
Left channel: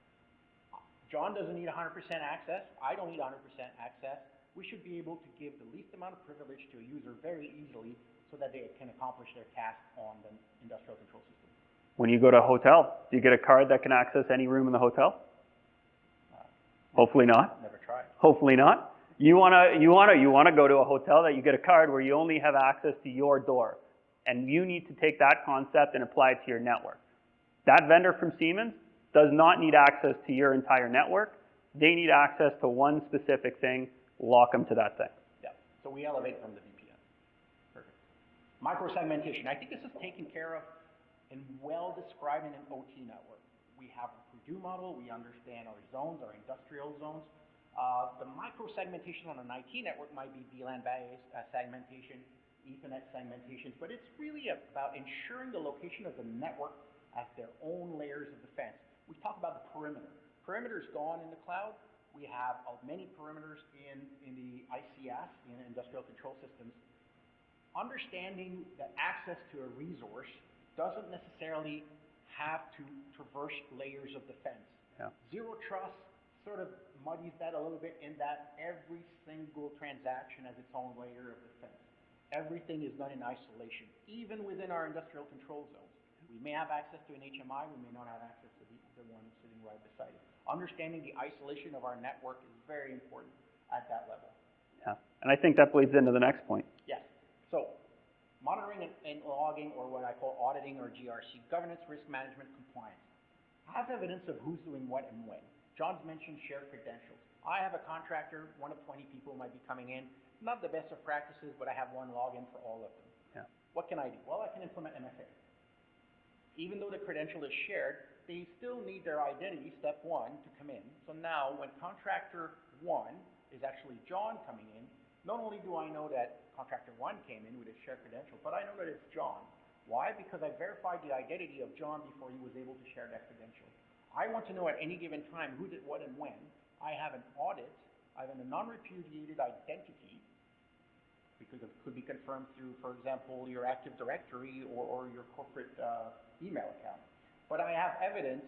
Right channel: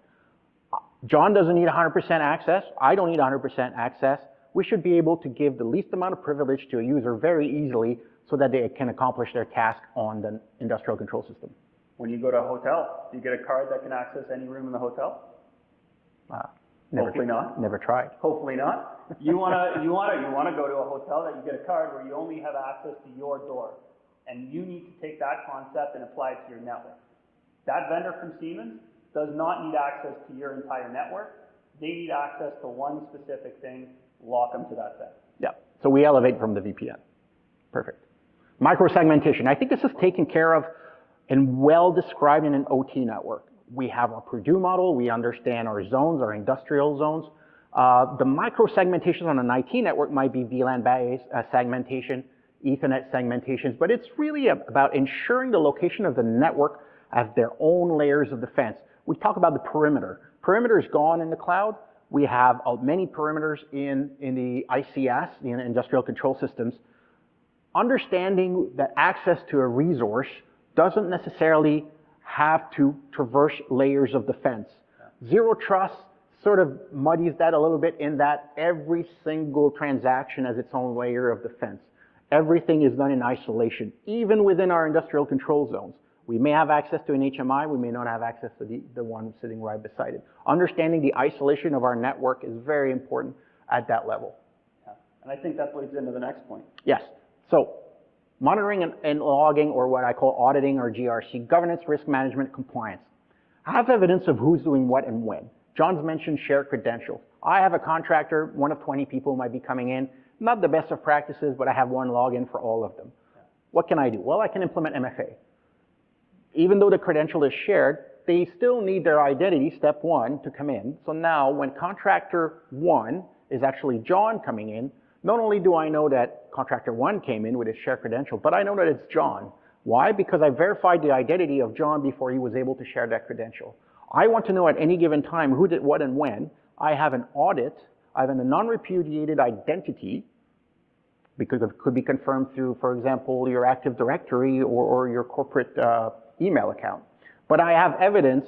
John doesn't need 100% access. I don't need 100% access. We should be able to give the least amount of privilege to a user very easily so that they can accomplish their task on the industrial control system. When you go to a hotel, do you get a card that can access any room in the hotel? Hopefully not. Never tried. Hopefully not. You want to go to a hotel that you get a card where you only have access to your door, and you need to take that concept and apply it to your network. That vendor from Siemens does not need access to your entire network. They need access to one specific thing, lock them to that thing. Yeah, so we elevate from the VPN. Perfect. Micro-segmentation. I think this is taken care of and well described in an OT network. We have a Purdue model. We understand our zones, our industrial zones. The micro-segmentation on an IT network might be VLAN-based segmentation, Ethernet segmentations, but it's really about ensuring the location of the network as their own layers of defense. We talk about the perimeter. Perimeter is gone in the cloud. We have many perimeters in the ICS, in industrial control systems. Understanding that access to a resource doesn't necessarily have to traverse layers of defense. Yeah. Zero trust sort of muddies that a little bit in that every single transaction has its own layer of defense. Everything is done in isolation, even within our industrial control zones. We may have access to an HMI, we may not have access to the one sitting right beside it. Understanding the isolation of our network is very important at that level. Yeah, and I think that bleeds into the next point. Yes, so monitoring and logging, or what I call auditing or GRC, governance, risk management, compliance. I have evidence of who's doing what and when. John's mentioned shared credentials. I have a contractor, one of 20 people might be coming in, not the best of practices, but I have one login for all of them. Yeah. What can I do? Well, I can implement MFA. Even though the credential is shared, they still need their identity, step one, to come in. So now when contractor one is actually John coming in, not only do I know that contractor one came in with his shared credential, but I know that it's John. Why? Because I verified the identity of John before he was able to share that credential. I want to know at any given time who did what and when. I have an audit. I have a non-repudiated identity, because it could be confirmed through, for example, your Active Directory or your corporate email account. But I have evidence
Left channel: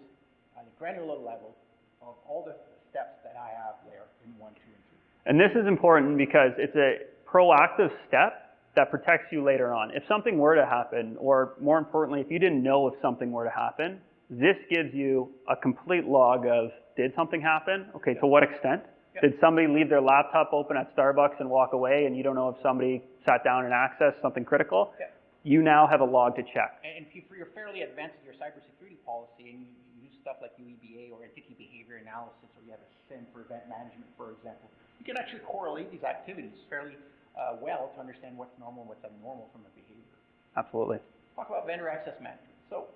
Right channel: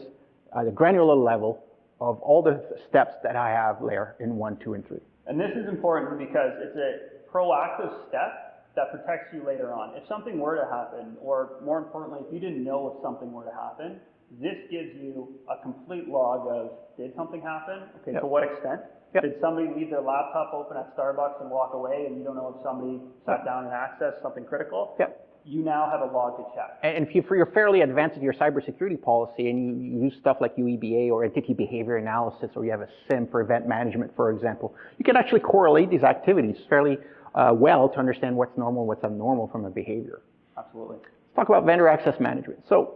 at a granular level of all the steps that I have there in 1, 2, and 3. And this is important because it's a proactive step that protects you later on. If something were to happen, or more importantly, if you didn't know if something were to happen, this gives you a complete log of, did something happen? Okay, yep. To what extent? Yep. Did somebody leave their laptop open at Starbucks and walk away, and you don't know if somebody sat down and accessed something critical? Yep. You now have a log to check. And if you're fairly advanced in your cybersecurity policy and you use stuff like UEBA or entity behavior analysis, or you have a SIM for event management, for example, you can actually correlate these activities fairly well to understand what's normal, what's abnormal from a behavior. Absolutely. Let's talk about vendor access management. So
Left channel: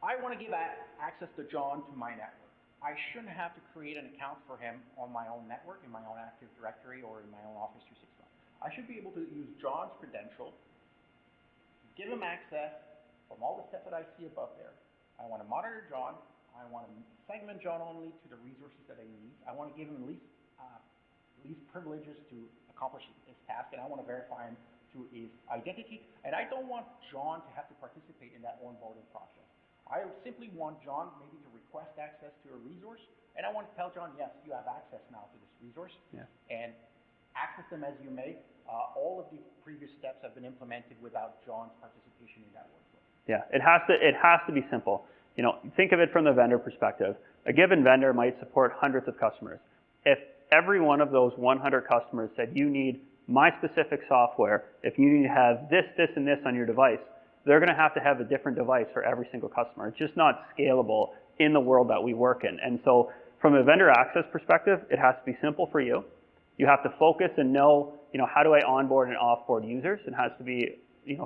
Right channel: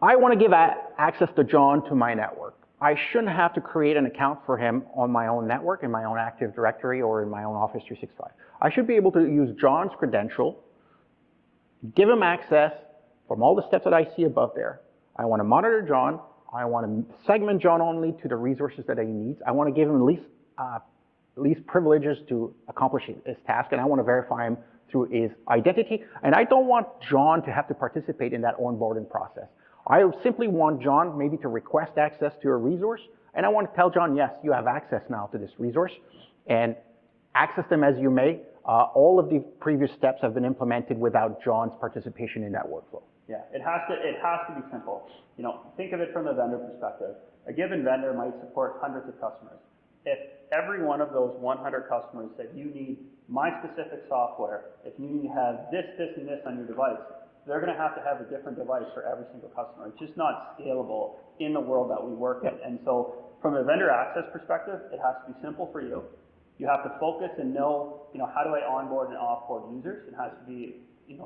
I want to give access to John to my network. I shouldn't have to create an account for him on my own network, in my own Active Directory, or in my own Office 365. I should be able to use John's credential, give him access from all the steps that I see above there. I want to monitor John. I want to segment John only to the resources that he needs. I want to give him least privileges to accomplish his task, and I want to verify him through his identity. And I don't want John to have to participate in that onboarding process. I simply want John maybe to request access to a resource, and I want to tell John, yes, you have access now to this resource, and access them as you may. All of the previous steps have been implemented without John's participation in that workflow. Yeah, it has to be simple. You know, think of it from the vendor perspective. A given vendor might support hundreds of customers. If every one of those 100 customers said, you need my specific software, if you need to have this, this, and this on your device, they're going to have a different device for every single customer. It's just not scalable in the world that we work in. And so from a vendor access perspective, it has to be simple for you. You have to focus and know, how do I onboard and offboard users? It has to be,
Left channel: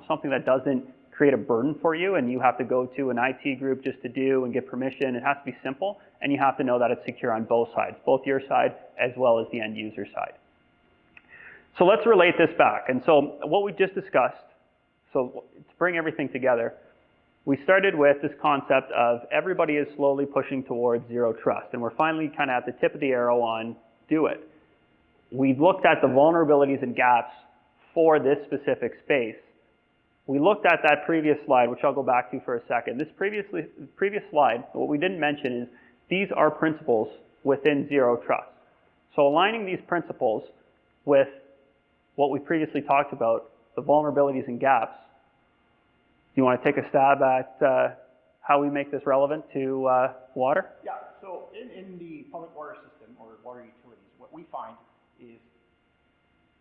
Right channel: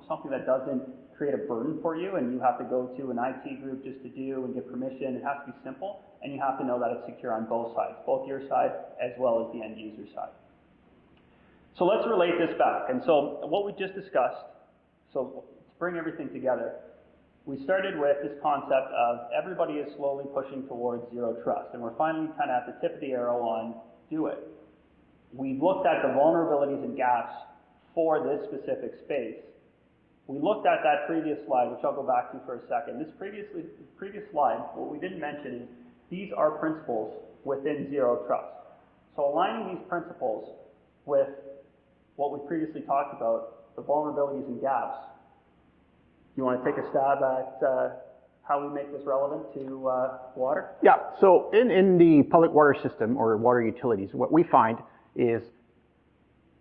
something that doesn't create a burden for you, and you have to go to an IT group just to do and get permission. It has to be simple, and you have to know that it's secure on both sides, both your side as well as the end user side. So let's relate this back. And so what we just discussed, so to bring everything together, we started with this concept of everybody is slowly pushing towards zero trust, and we're finally kind of at the tip of the arrow on do it. We looked at the vulnerabilities and gaps for this specific space. We looked at that previous slide, which I'll go back to for a second. This previous slide, what we didn't mention is these are principles within zero trust. So aligning these principles with what we previously talked about, the vulnerabilities and gaps, do you want to take a stab at how we make this relevant to water? Yeah, so in the public water system or water utilities, what we find is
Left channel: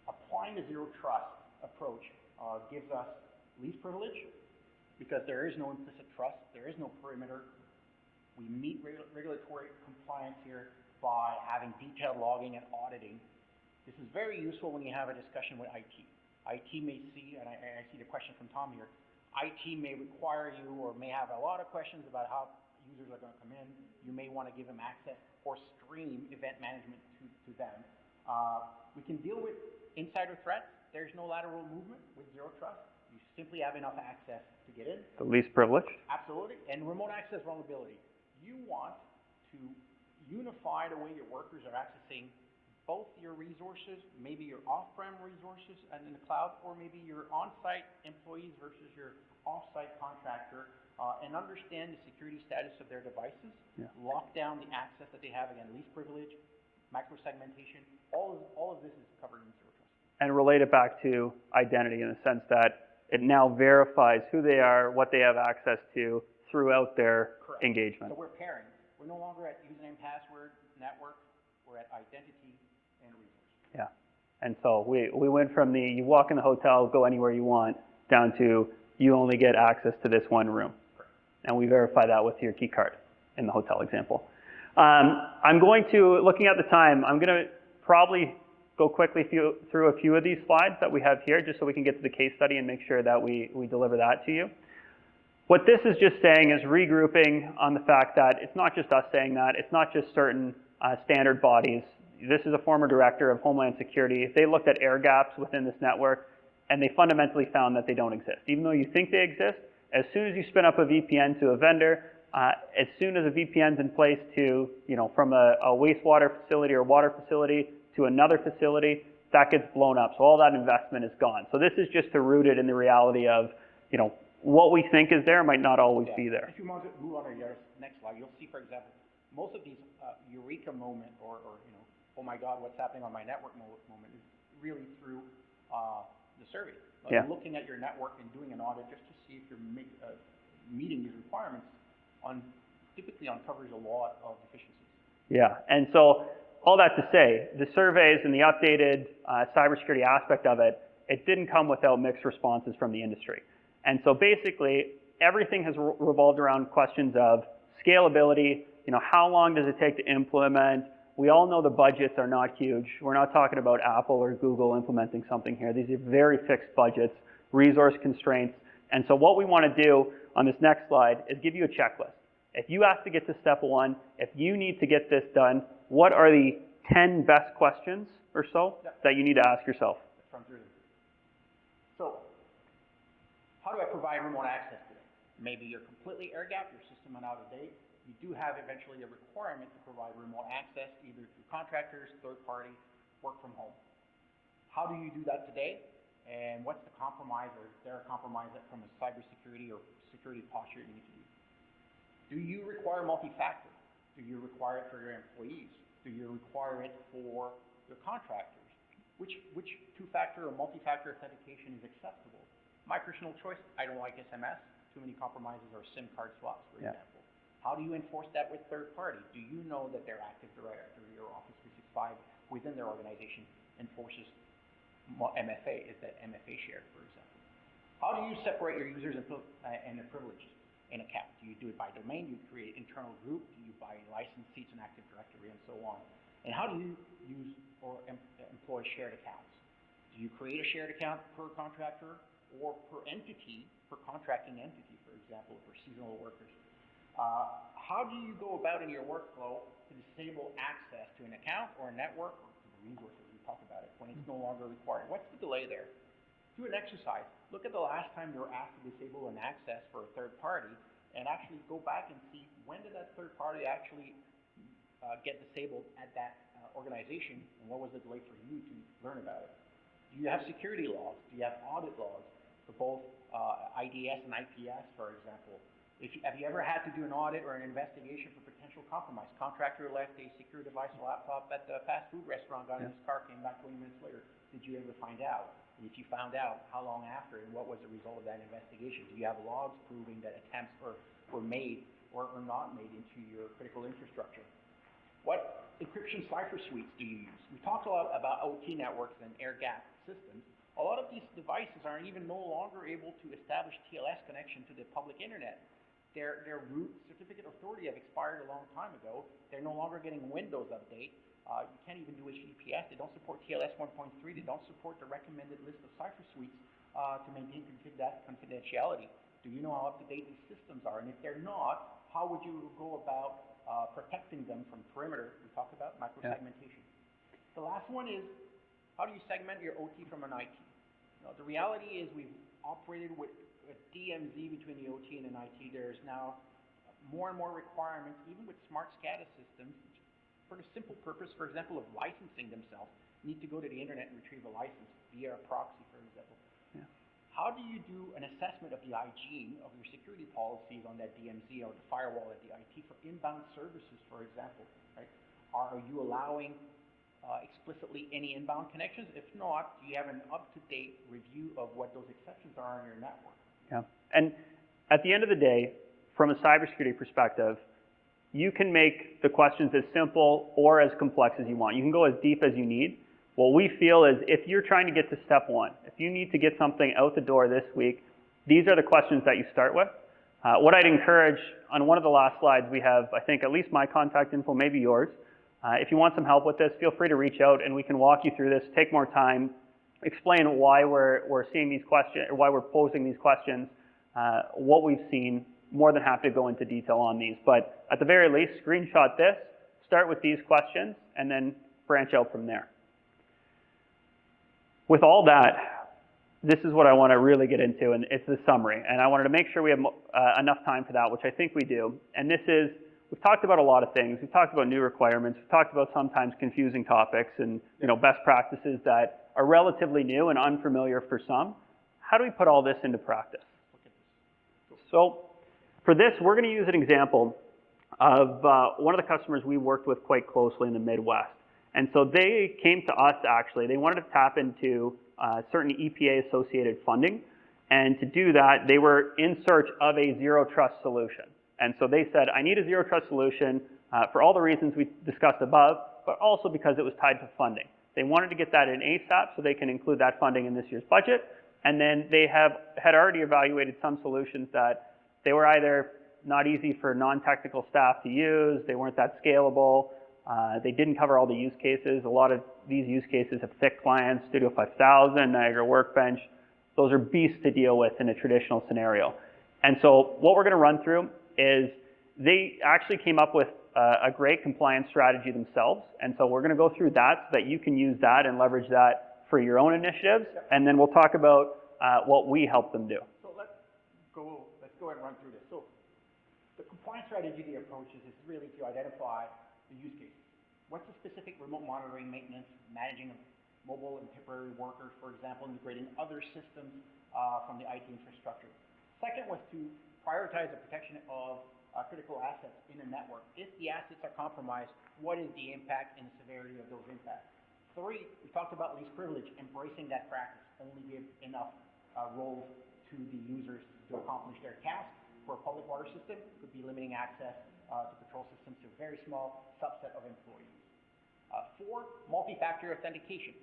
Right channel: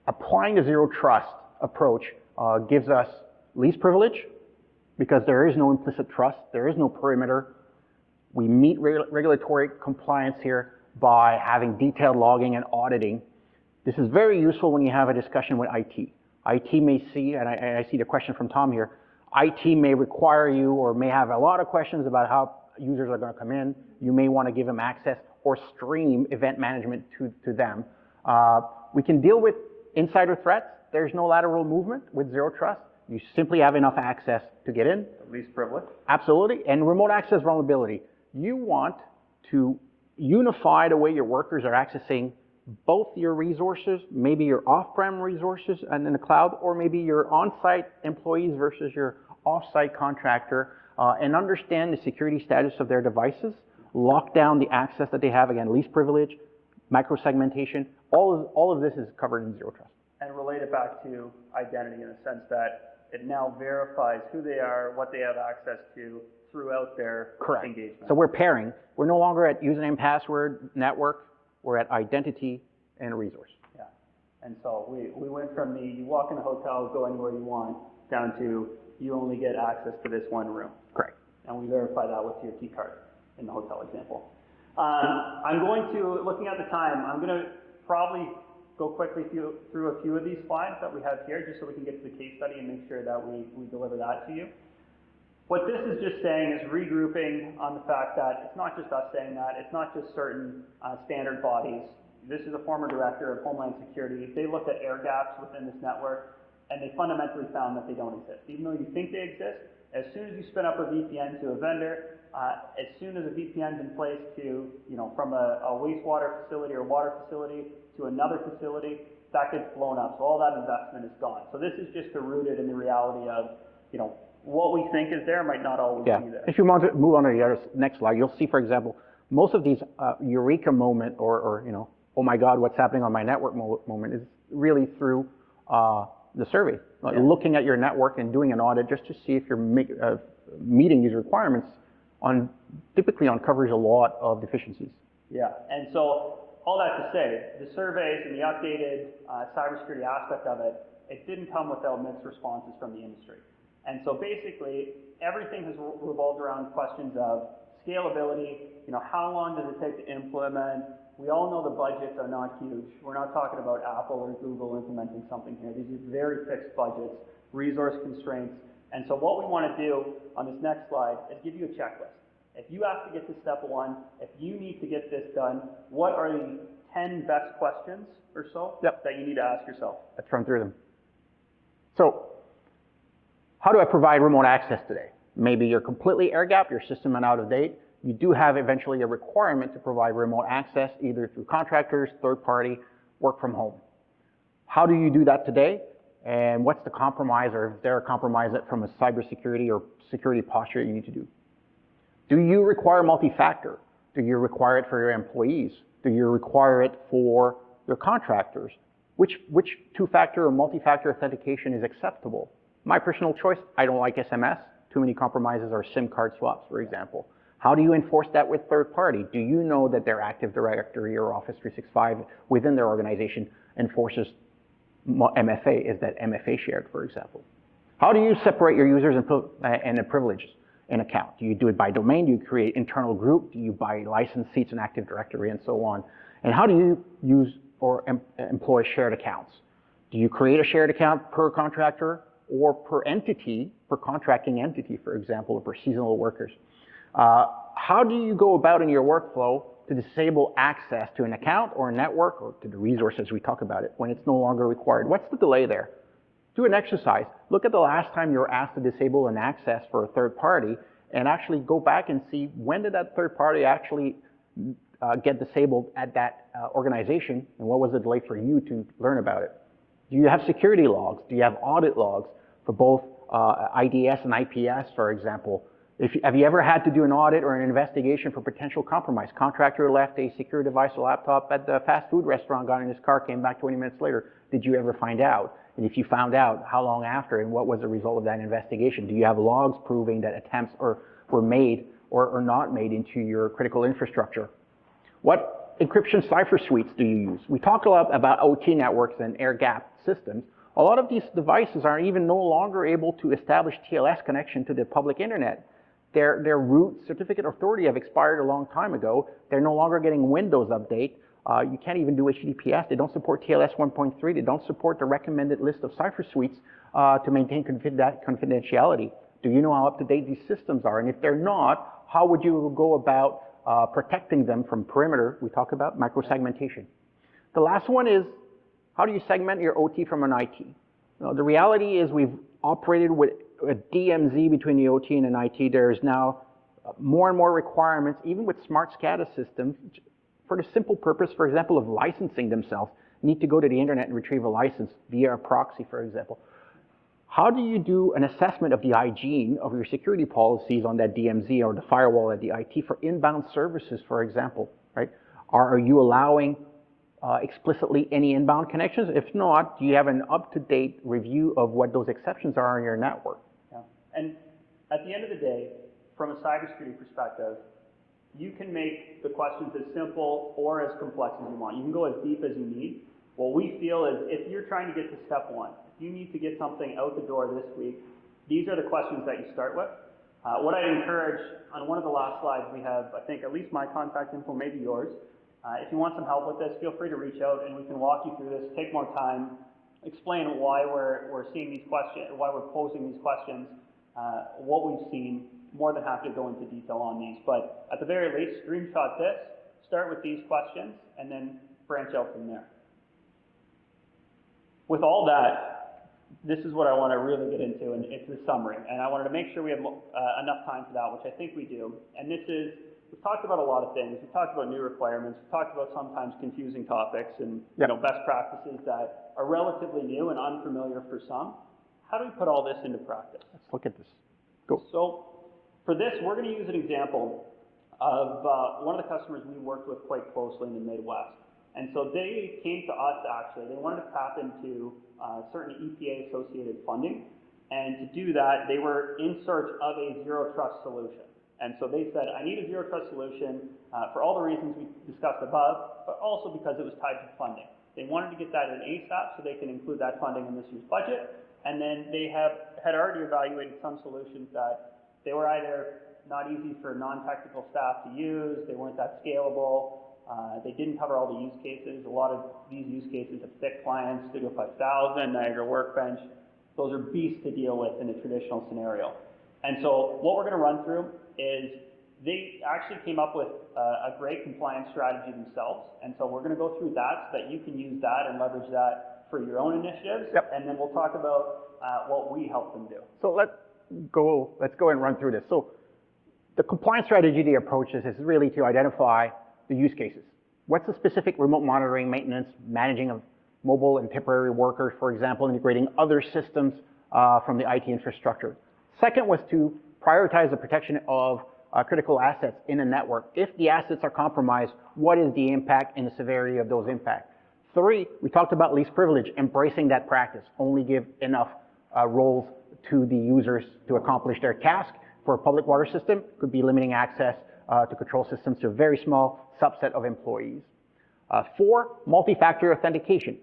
applying the zero trust approach gives us least privilege because there is no implicit trust, there is no perimeter. We meet regulatory compliance here, by having detailed logging and auditing. This is very useful when you have a discussion with IT. IT may see, and I see the question from Tom here, IT may require you or may have a lot of questions about how users are going to come in. You may want to give them access or stream event management to them. We can deal with insider threats. There's no lateral movement with Zero Trust. You simply have enough access to get in. The least privileged. Absolutely. And remote access vulnerability. You want to unify the way your workers are accessing both your resources, maybe your off-prem resources and in the cloud, or maybe your on-site employees versus your off-site contractor, and understand the security status of their devices, lock down the access that they have, again, least privilege, micro-segmentation, all of this is covered in Zero Trust. And relate it back to identity in the sense that it now verifies who they are, what they have access to throughout their engagement. So we're pairing. We're no longer at username, password, network. We're at identity and resource. Yeah. And so we went from the you walk in the hotel, go anywhere you want, down to you only get access to this one room. Correct. And we verify that with your key card in the hotel example. I'm going to, looking at the time, I'm going to probably go quickly through a few of these slides that we have here, just so we can get to the case study and make sure that we deliver that to you. What this is just saying is regrouping on the fact that it's not just us saying that, it's not just certain standard bodies. This is a former director of Homeland Security. They looked at air gaps within this network, and they fundamentally found that they don't exist. Even though you think they exist, as soon as you spin up a VPN to a vendor, as soon as a VPN's in place to, from a wastewater facility or water facility to another facility, that gets blown up. So all that investment is gone. So this is just to root it in the reality of, what we think is there might not always be there. If you want to move on to the next slide, you'll see, for example, most of these eureka moment or oh my God, what's happening on my network moment is really through the survey. Looking at your network and doing an audit just to see if you're meeting these requirements typically uncovers a lot of deficiencies. Yeah, and so all that to say, the surveys and the updated cybersecurity aspect of it, it didn't come without mixed responses from the industry. And so basically, everything has revolved around questions of scalability, how long does it take to implement? We all know the budgets are not huge. We're not talking about Apple or Google implementing something here. These are very fixed budgets, resource constraints. And so what we want to do on this next slide is give you a checklist. If you have to get to step one, if you need to get this done, what are the 10 best questions or so that you need to ask yourself? Let's run through them. So, how do I provide remote access today? Maybe you're completely air-gapped, your system is out of date. You do have eventually a requirement to provide remote access either through contractors, third-party, work from home. How do you do that today? And what's the compromise, or is there a compromise from a cybersecurity or security posture you need to do? Do you require multi-factor? Do you require it for your employees? Do you require it for your contractors? Which two-factor or multi-factor authentication is acceptable? My personal choice, I don't like SMS. Too many compromises or SIM card swaps, for example. How do you enforce that with third party? Do you know that their Active Directory or Office 365 within their organization enforces MFA? Is that MFA shared, for example? How do you separate your users and the privileges in account? Do you do it by domain? Do you create internal group? Do you buy license seats in Active Directory and so on? And how do you use or employ shared accounts? Do you create a shared account per contractor or per entity, per contracting entity, for example, or per seasonal workers? How do you go about in your workflow to disable access to an account or a network or to the resources we talk about it when it's no longer required? What's the delay there? Do an exercise. Look at the last time you were asked to disable an access for a third party and actually go back and see when did that third party actually get disabled at that organization, and what was the delay for you to learn about it? Do you have security logs? Do you have audit logs for both IDS and IPS, for example? Have you ever had to do an audit or an investigation for potential compromise? Contractor left a secure device or laptop at the fast food restaurant, got in his car, came back 20 minutes later. Did you ever find out? And if you found out, how long after, and what was the result of that investigation? Do you have logs proving that attempts were made or not made into your critical infrastructure? What encryption cipher suites do you use? We talk a lot about OT networks and air-gapped systems. A lot of these devices are even no longer able to establish TLS connection to the public internet. Their root certificate of authority have expired a long time ago. They're no longer getting Windows update. You can't even do HTTPS. They don't support TLS 1.3. They don't support the recommended list of cipher suites to maintain confidentiality. Do you know how up-to-date these systems are? And if they're not, how would you go about protecting them from perimeter? We talk about microsegmentation. The last one is, how do you segment your OT from an IT? Now, the reality is we've operated with a DMZ between the OT and an IT. There's now more and more requirements, even with smart SCADA systems, for the simple purpose, for example, of licensing themselves, need to go to the internet and retrieve a license via a proxy, for example. How do you do an assessment of the hygiene of your security policies on that DMZ or the firewall at the IT for inbound services, for example, right? Are you allowing explicitly any inbound connections? If not, do you have an up-to-date review of what those exceptions are on your network? Yeah. And at the end of the day, from a cybersecurity perspective, you can make the questions as simple or as complex as you want. You can go as deep as you need. What we feel is if you're trying to get to step one, if you need to get something out the door this week, these are the questions that you start with. What I'd encourage, on one of the last slides, we have, I think, at least my contact info, maybe yours. If you want some help with this, feel free to reach out and we can walk you through this, take more time, explain why we're seeing these questions, or why we're posing these questions, what we've seen. More than happy to go into detail on these. But at the very least, screenshot this, start with these questions, and then branch out from there. With all that, this is what I want to really get into, and it's the summary. And I wanted to make sure we have enough time for that, which I think we do. And this is, we've talked about a lot of things. We've talked about new requirements. We've talked about sometimes confusing topics and best practices that are relatively new and unfamiliar for some. How do we put all this into practice? Let's look at this. Go. So for this, we're going to use an example of one of the customers we worked with quite closely in the Midwest. And so they came to us, actually. They wanted to tap into certain EPA-associated funding. And to do that, they were in search of a zero-trust solution. And so they said, I need a zero-trust solution for all the reasons we discussed above, but also because it was tied to funding. They wanted to get that in ASAP so they can include that funding in this year's budget. And then they had already evaluated some solutions that they were either not easy for non-technical staff to use, they weren't that scalable, they didn't cover all the use cases. A lot of these use cases have thick clients, Studio 5000, Niagara Workbench. Those are beasts to deal with in a traditional scenario. And so what we're going to run through is they actually came up with a great compliance strategy themselves. And so we're going to go through that so that you can use that and leverage that for your own initiatives. Yep. And then we'll talk about what we help them do. So let's go and run through this. So the compliance strategy they approach is really to identify the use cases. What's the specific remote monitoring, maintenance, managing of mobile and temporary workers, for example, integrating other systems from the IT infrastructure. Second was to prioritize the protection of critical assets in a network. If the assets are compromised, what is the impact and the severity of those impacts? Three, we talked about least privilege, embracing that practice. Only give enough roles to the users to accomplish their task. For a public water system, could be limiting access to control systems to a very small subset of employees. Four, multi-factor authentication.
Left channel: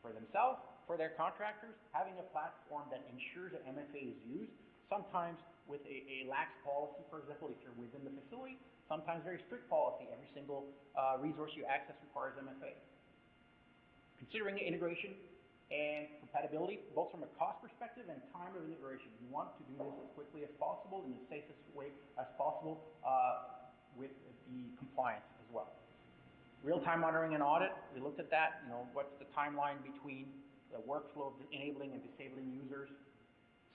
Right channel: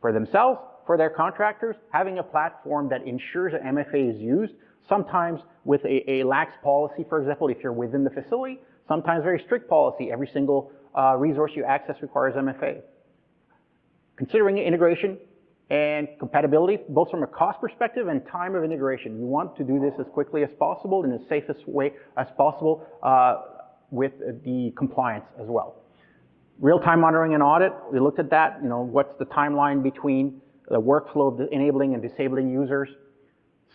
For themselves, for their contractors, having a platform that ensures that MFA is used, sometimes with a lax policy, for example, if you're within the facility, sometimes very strict policy. Every single resource you access requires MFA. Considering integration and compatibility, both from a cost perspective and time of integration. You want to do this as quickly as possible in the safest way as possible with the compliance as well. Real-time monitoring and audit, we looked at that. You know, what's the timeline between the workflow of enabling and disabling users.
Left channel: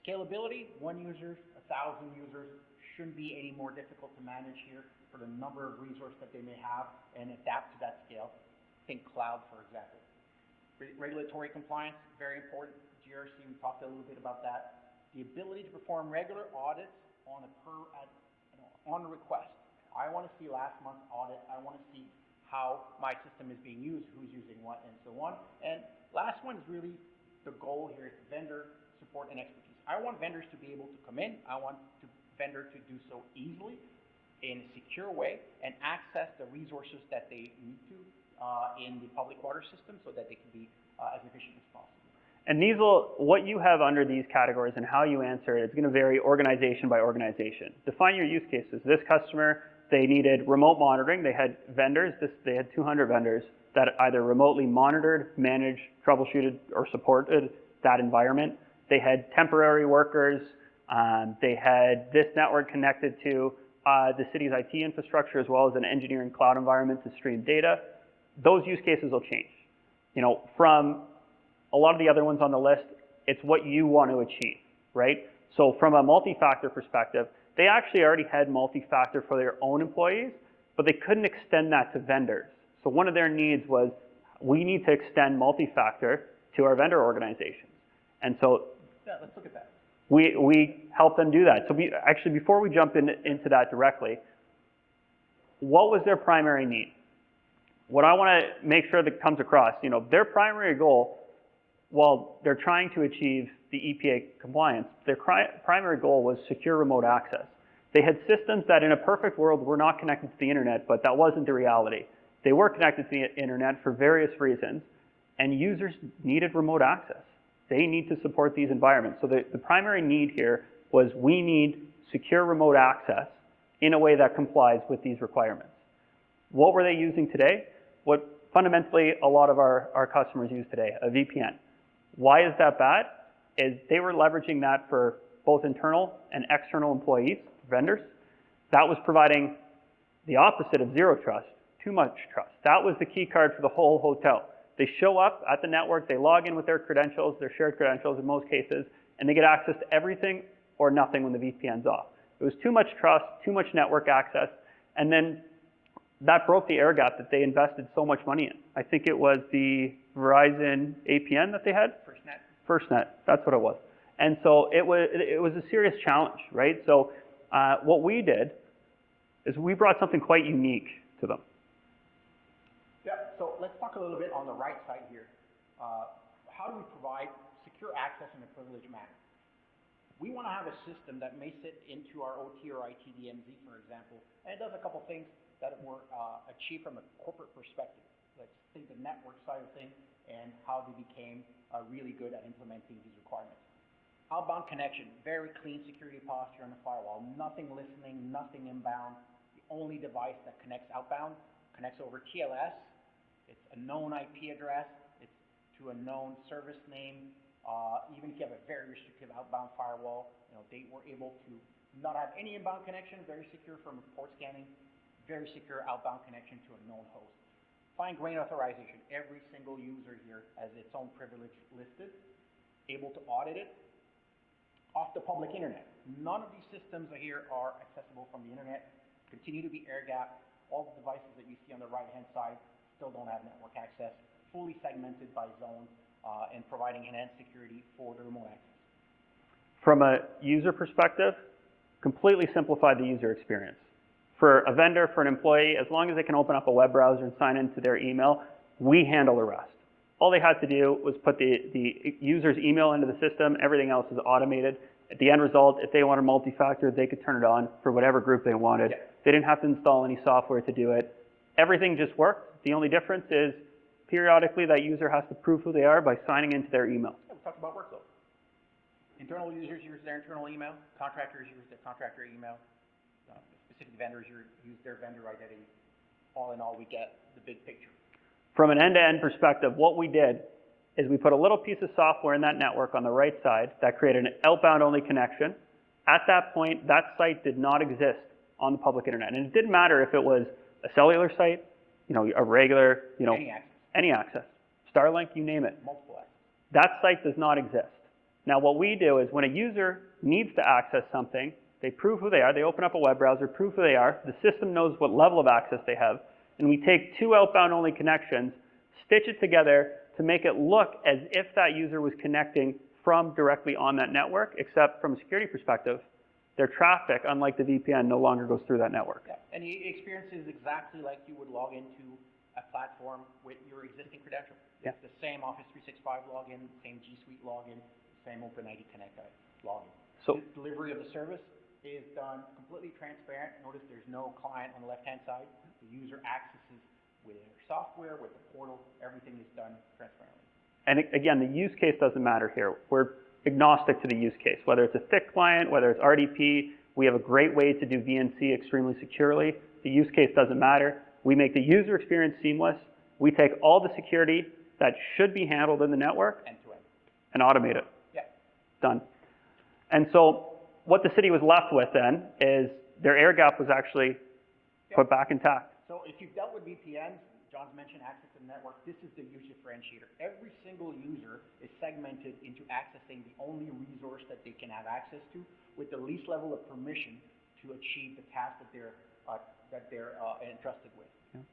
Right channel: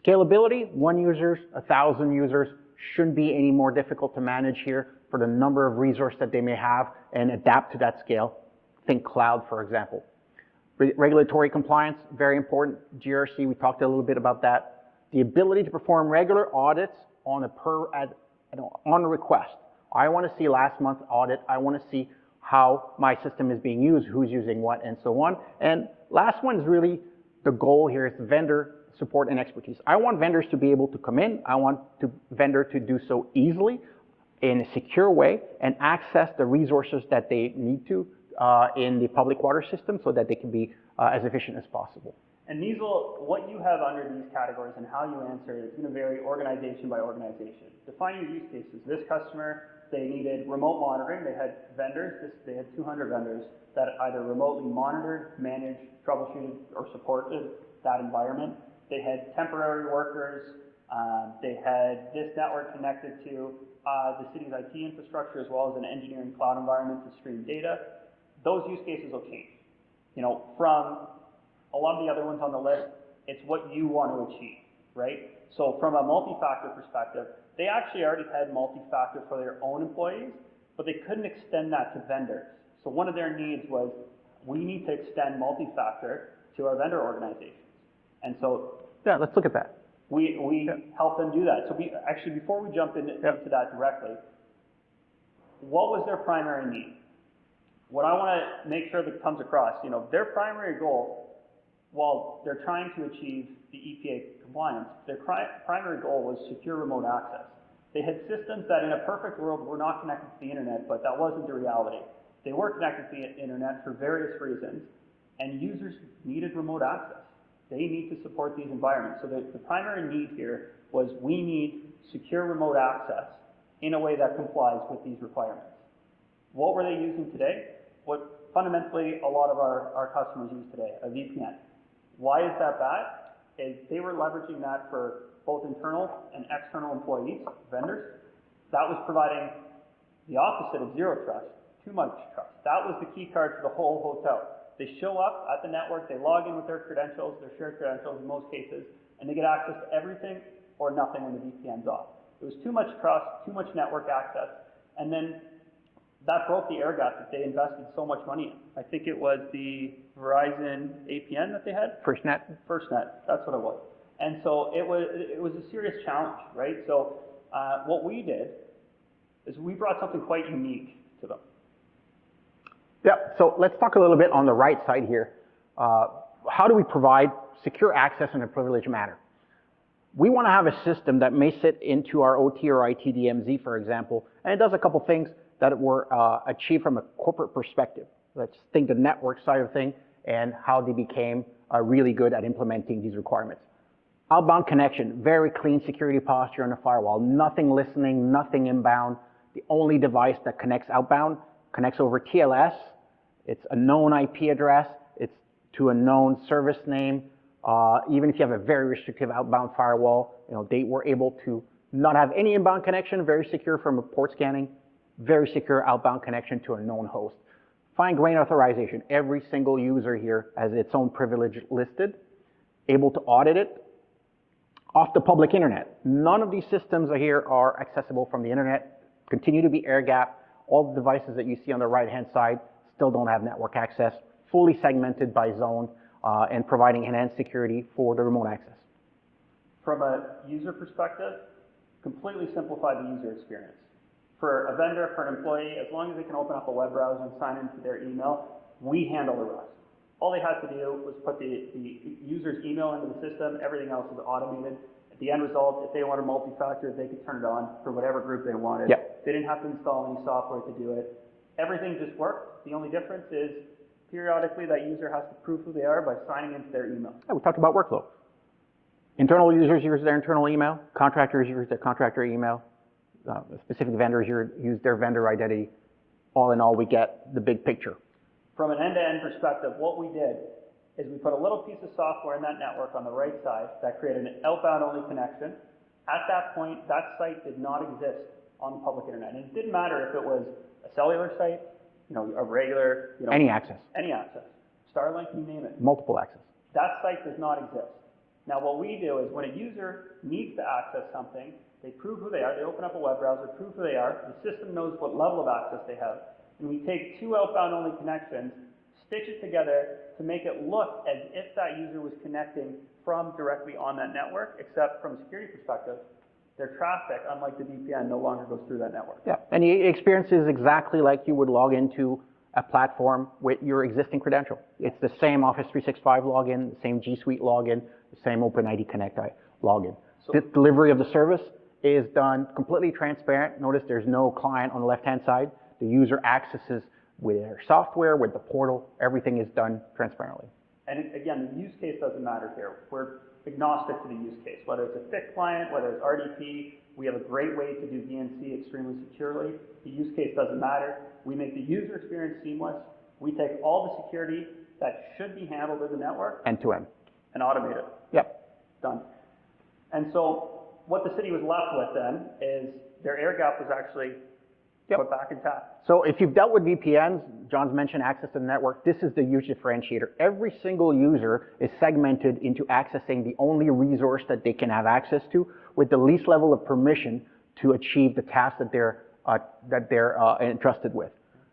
Scalability, 1 user, 1,000 users, shouldn't be any more difficult to manage here for the number of resources that they may have and adapt to that scale. Think cloud, for example. Regulatory compliance, very important. GRC, we talked a little bit about that. The ability to perform regular audits on on request. I want to see last month's audit. I want to see how my system is being used, who's using what, and so on. And last one is really the goal here is vendor support and expertise. I want vendors to be able to come in. I want the vendor to do so easily in a secure way and access the resources that they need to in the public water system so that they can be as efficient as possible. And these what you have under these categories and how you answer it is going to vary organization by organization. Define your use cases. This customer, they needed remote monitoring. They had vendors. They had 200 vendors that either remotely monitored, managed, troubleshooted, or supported that environment. They had temporary workers. They had this network connected to the city's IT infrastructure as well as an engineering cloud environment to stream data. Those use cases will change. You know, from a lot of the other ones on the list, it's what you want to achieve, right? So from a multi-factor perspective, they actually already had multi-factor for their own employees, but they couldn't extend that to vendors. So one of their needs was, we need to extend multi-factor to our vendor organizations. And so yeah, let's look at that. We help them do that. So actually, before we jump into that directly, what was their primary need? What I want to make sure that comes across, you know, their primary goal, while they're trying to achieve the EPA compliance, their primary goal was secure remote access. They had systems that in a perfect world were not connected to the internet, but that wasn't the reality. They were connected to the internet for various reasons, and users needed remote access. They need to support these environments. So the primary need here was, we need secure remote access in a way that complies with these requirements. What were they using today? What fundamentally a lot of our customers use today, a VPN. Why is that bad? Is they were leveraging that for both internal and external employees, vendors. That was providing the opposite of zero trust, too much trust. That was the key card for the whole hotel. They show up at the network, they log in with their credentials, their shared credentials in most cases, and they get access to everything or nothing when the VPN's off. It was too much trust, too much network access, and then that broke the air gap that they invested so much money in. I think it was the Verizon APN that they had? FirstNet, that's what it was. And so it was a serious challenge, right? So what we did is we brought something quite unique to them. Yeah, so let's talk a little bit on the right side here. How do we provide secure access in a privileged manner? We want to have a system that may sit into our OT or IT DMZ, for example, and it does a couple things that were achieved from a corporate perspective. Let's think the network side of things and how they became really good at implementing these requirements. Outbound connection, very clean security posture on the firewall, nothing listening, nothing inbound. The only device that connects outbound connects over TLS. It's a known IP address. It's to a known service name. Even if you have a very restrictive outbound firewall, you know, they were able to not have any inbound connection, very secure from a port scanning, very secure outbound connection to a known host. Fine-grained authorization. Every single user here has its own privilege listed, able to audit it off the public internet. None of these systems here are accessible from the internet, continue to be air-gapped. All the devices that you see on the right-hand side still don't have network access, fully segmented by zone, and providing enhanced security for the remote access. From a user perspective, completely simplify the user experience. For a vendor, for an employee, as long as they can open up a web browser and sign into their email, we handle the rest. All they had to do was put the user's email into the system. Everything else is automated. At the end result, if they wanted multi-factor, they could turn it on for whatever group they wanted. Yep. They didn't have to install any software to do it. Everything just worked. The only difference is periodically that user has to prove who they are by signing into their email. Yeah, we talked about workflow. Internal users use their internal email. Contractors use their contractor email. Specific vendors use their vendor identity. All in all, we get the big picture. From an end-to-end perspective, what we did is we put a little piece of software in that network on the right side that created an outbound-only connection. At that point, that site did not exist on the public internet. And it didn't matter if it was a cellular site, you know, a regular, you know. Any access. Any access. Starlink, you name it. Multiple access. That site does not exist. Now, what we do is when a user needs to access something, they prove who they are, they open up a web browser, prove who they are, the system knows what level of access they have, and we take two outbound-only connections, stitch it together to make it look as if that user was connecting from directly on that network, except from a security perspective, their traffic, unlike the VPN, no longer goes through that network. Yeah, and the experience is exactly like you would log into a platform with your existing credential. Yeah. It's the same Office 365 login, the same G Suite login, the same OpenID Connect login. So the delivery of the service is done completely transparent. Notice there's no client on the left-hand side. The user accesses with their software, with the portal. Everything is done transparently. And again, the use case doesn't matter here. We're agnostic to the use case, whether it's a thick client, whether it's RDP. We have a great way to do VNC extremely securely. The use case doesn't matter. We make the user experience seamless. We take all the security that should be handled in the network End to end. and automate it. Yep. Done. And so what the city was left with then is their air gap was actually put back intact. So if you've dealt with VPNs, John's mentioned access to the network, this is the huge differentiator. Every single user is segmented into accessing the only resource that they can have access to with the least level of permission to achieve the task that they're entrusted with.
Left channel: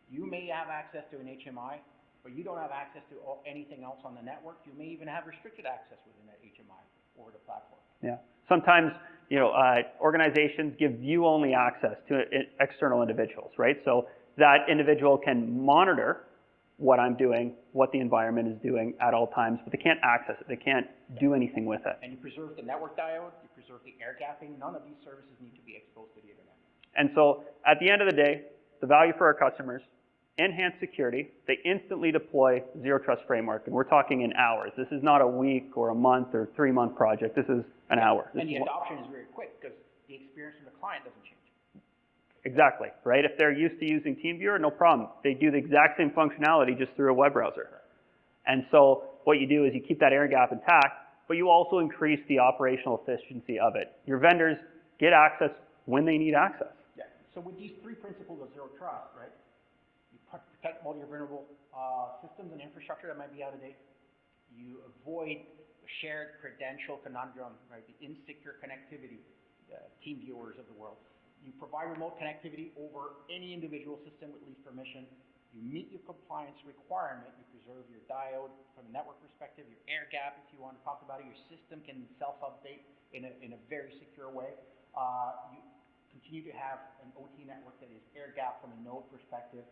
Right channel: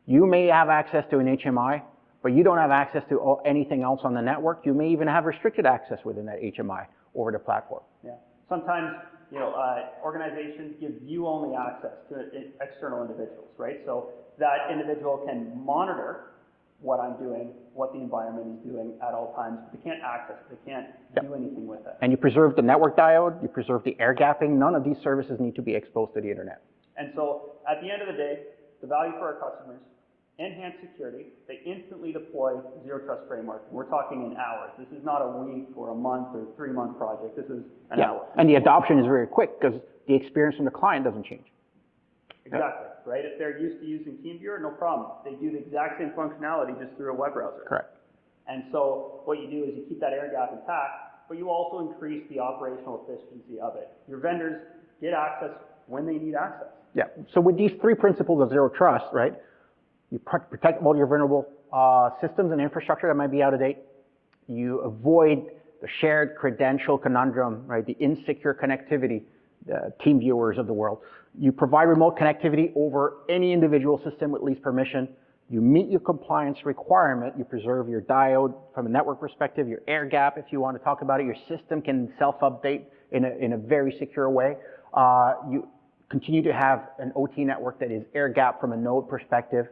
You may have access to an HMI, but you don't have access to anything else on the network. You may even have restricted access within that HMI over the platform. Yeah. Sometimes, organizations give view-only access to external individuals, right? So that individual can monitor what I'm doing, what the environment is doing at all times, but they can't access it. They can't do anything with it. And you preserve the network diode, you preserve the air gapping. None of these services need to be exposed to the internet. And so at the end of the day, the value for our customers, enhanced security, they instantly deploy Zero Trust framework, and we're talking in hours. This is not a week or a month or 3-month project. This is an hour. And the adoption is very quick because the experience from the client doesn't change. Exactly, right? If they're used to using TeamViewer, no problem. They do the exact same functionality just through a web browser. Correct. And so what you do is you keep that air gap intact, but you also increase the operational efficiency of it. Your vendors get access when they need access. Yeah, so with these 3 principles of Zero Trust, right, you protect all your vulnerable systems and infrastructure that might be out of date. You avoid the shared credential conundrum, right, the insecure connectivity, the TeamViewers of the world. You provide remote connectivity over any individual system with least permission. You meet your compliance requirement. You preserve your diode from a network perspective, your air gap, if you want to talk about it. Your system can self-update in a very secure way. You continue to have an OT network that is air gap from a node perspective.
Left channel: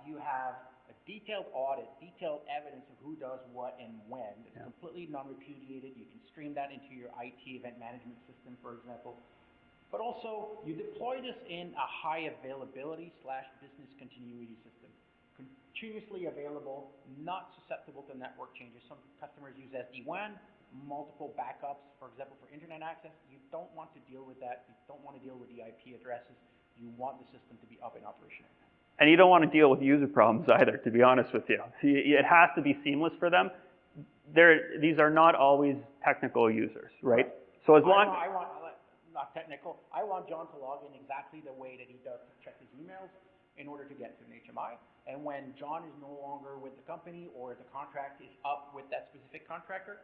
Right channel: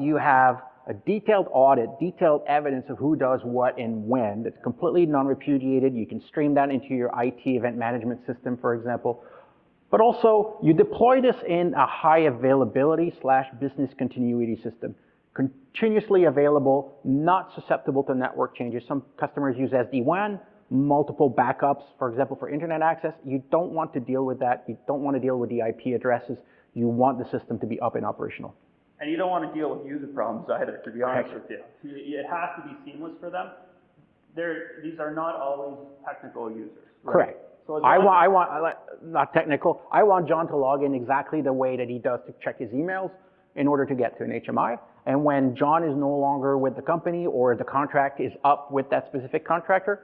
You have a detailed audit, detailed evidence of who does what and when. That's completely non-repudiated. You can stream that into your IT event management system, for example. But also, you deploy this in a high availability / business continuity system. Continuously available, not susceptible to network changes. Some customers use SD-WAN, multiple backups, for example, for internet access. You don't want to deal with that. You don't want to deal with the IP addresses. You want the system to be up and operational. And you don't want to deal with user problems either, to be honest with you. It has to be seamless for them. These are not always technical users, right? Correct. So I want, not technical, I want John to log in exactly the way that he does to check his emails in order to get to an HMI. And when John is no longer with the company or the contract is up with that specific contractor,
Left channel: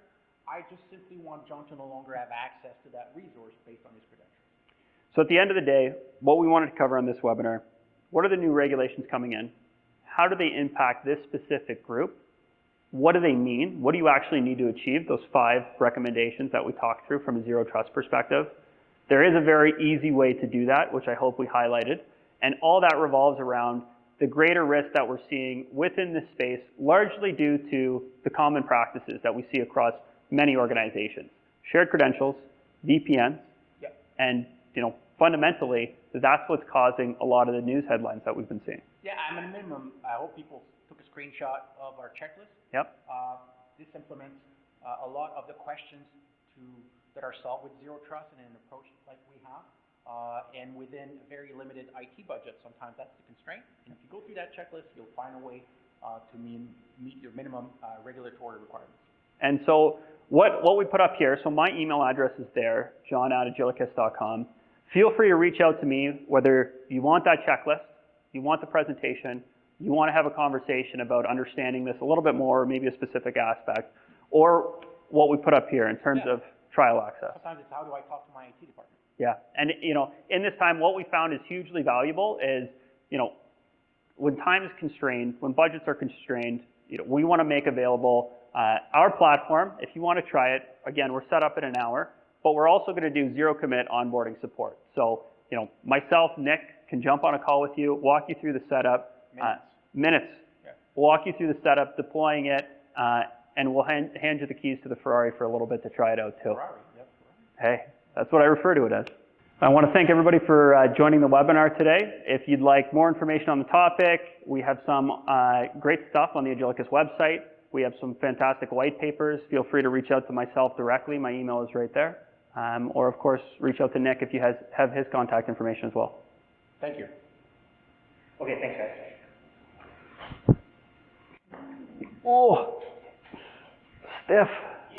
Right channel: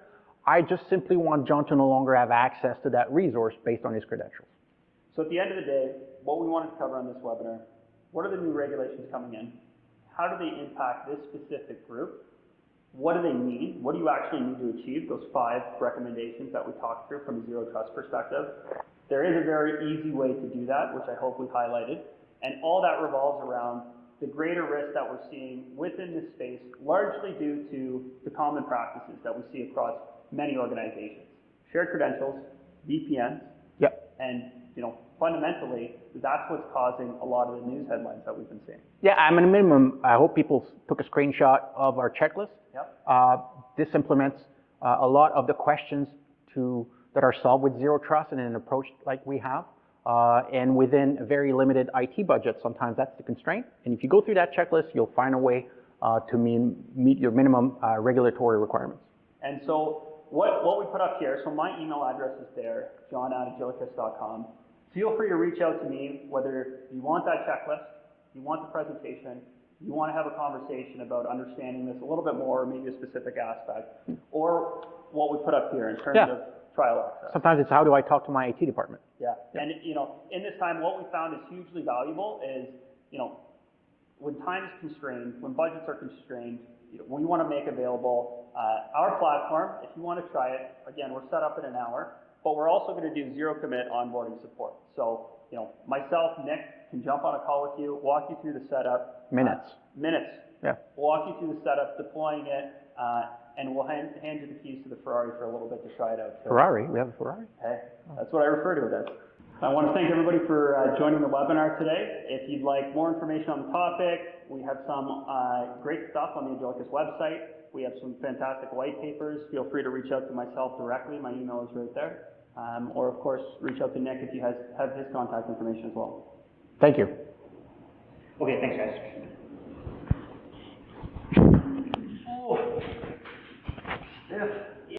I just simply want John to no longer have access to that resource based on his credentials. So at the end of the day, what we wanted to cover on this webinar, what are the new regulations coming in? How do they impact this specific group? What do they mean? What do you actually need to achieve? Those 5 recommendations that we talked through from a Zero Trust perspective. There is a very easy way to do that, which I hope we highlighted. And all that revolves around the greater risk that we're seeing within this space, largely due to the common practices that we see across many organizations. Shared credentials, VPNs, and fundamentally, that's what's causing a lot of the news headlines that we've been seeing. Yeah, at a minimum, I hope people took a screenshot of our checklist. Yep. This implements a lot of the questions that are solved with Zero Trust and an approach like we have. And within a very limited IT budget, sometimes that's the constraint. And if you go through that checklist, you'll find a way to meet your minimum regulatory requirements. And so what we put up here, so my email address is there, john@agilicus.com. Feel free to reach out to me, whether you want that checklist, you want the presentation, you want to have a conversation about understanding this a little bit more, or maybe a specific aspect, or what we put up here in terms of trial access. Sometimes it's how do I talk to my IT department? Yeah, and in this time, what we found is hugely valuable is, when time is constrained, when budgets are constrained, we want to make available our platform. If you want to try it, again, we're set up in an hour, but we're also going to do zero commit onboarding support. So, myself, Nick, can jump on a call with you, walk you through the setup. Minutes. Yeah. Walk you through the setup, deploying it, and we'll hand you the keys to the Ferrari for a little bit to try it out too. Ferrari? We have a Ferrari? Hey, that's what I refer to it as. I want to thank everybody for joining the webinar today. If you'd like more information on the topic, we have some great stuff on the Agilicus website. We have some fantastic white papers. Feel free to reach out to myself directly. My email is right there. Or, of course, reach out to Nick if you have his contact information as well. Thank you. Okay, thanks, guys. Oh, stiff.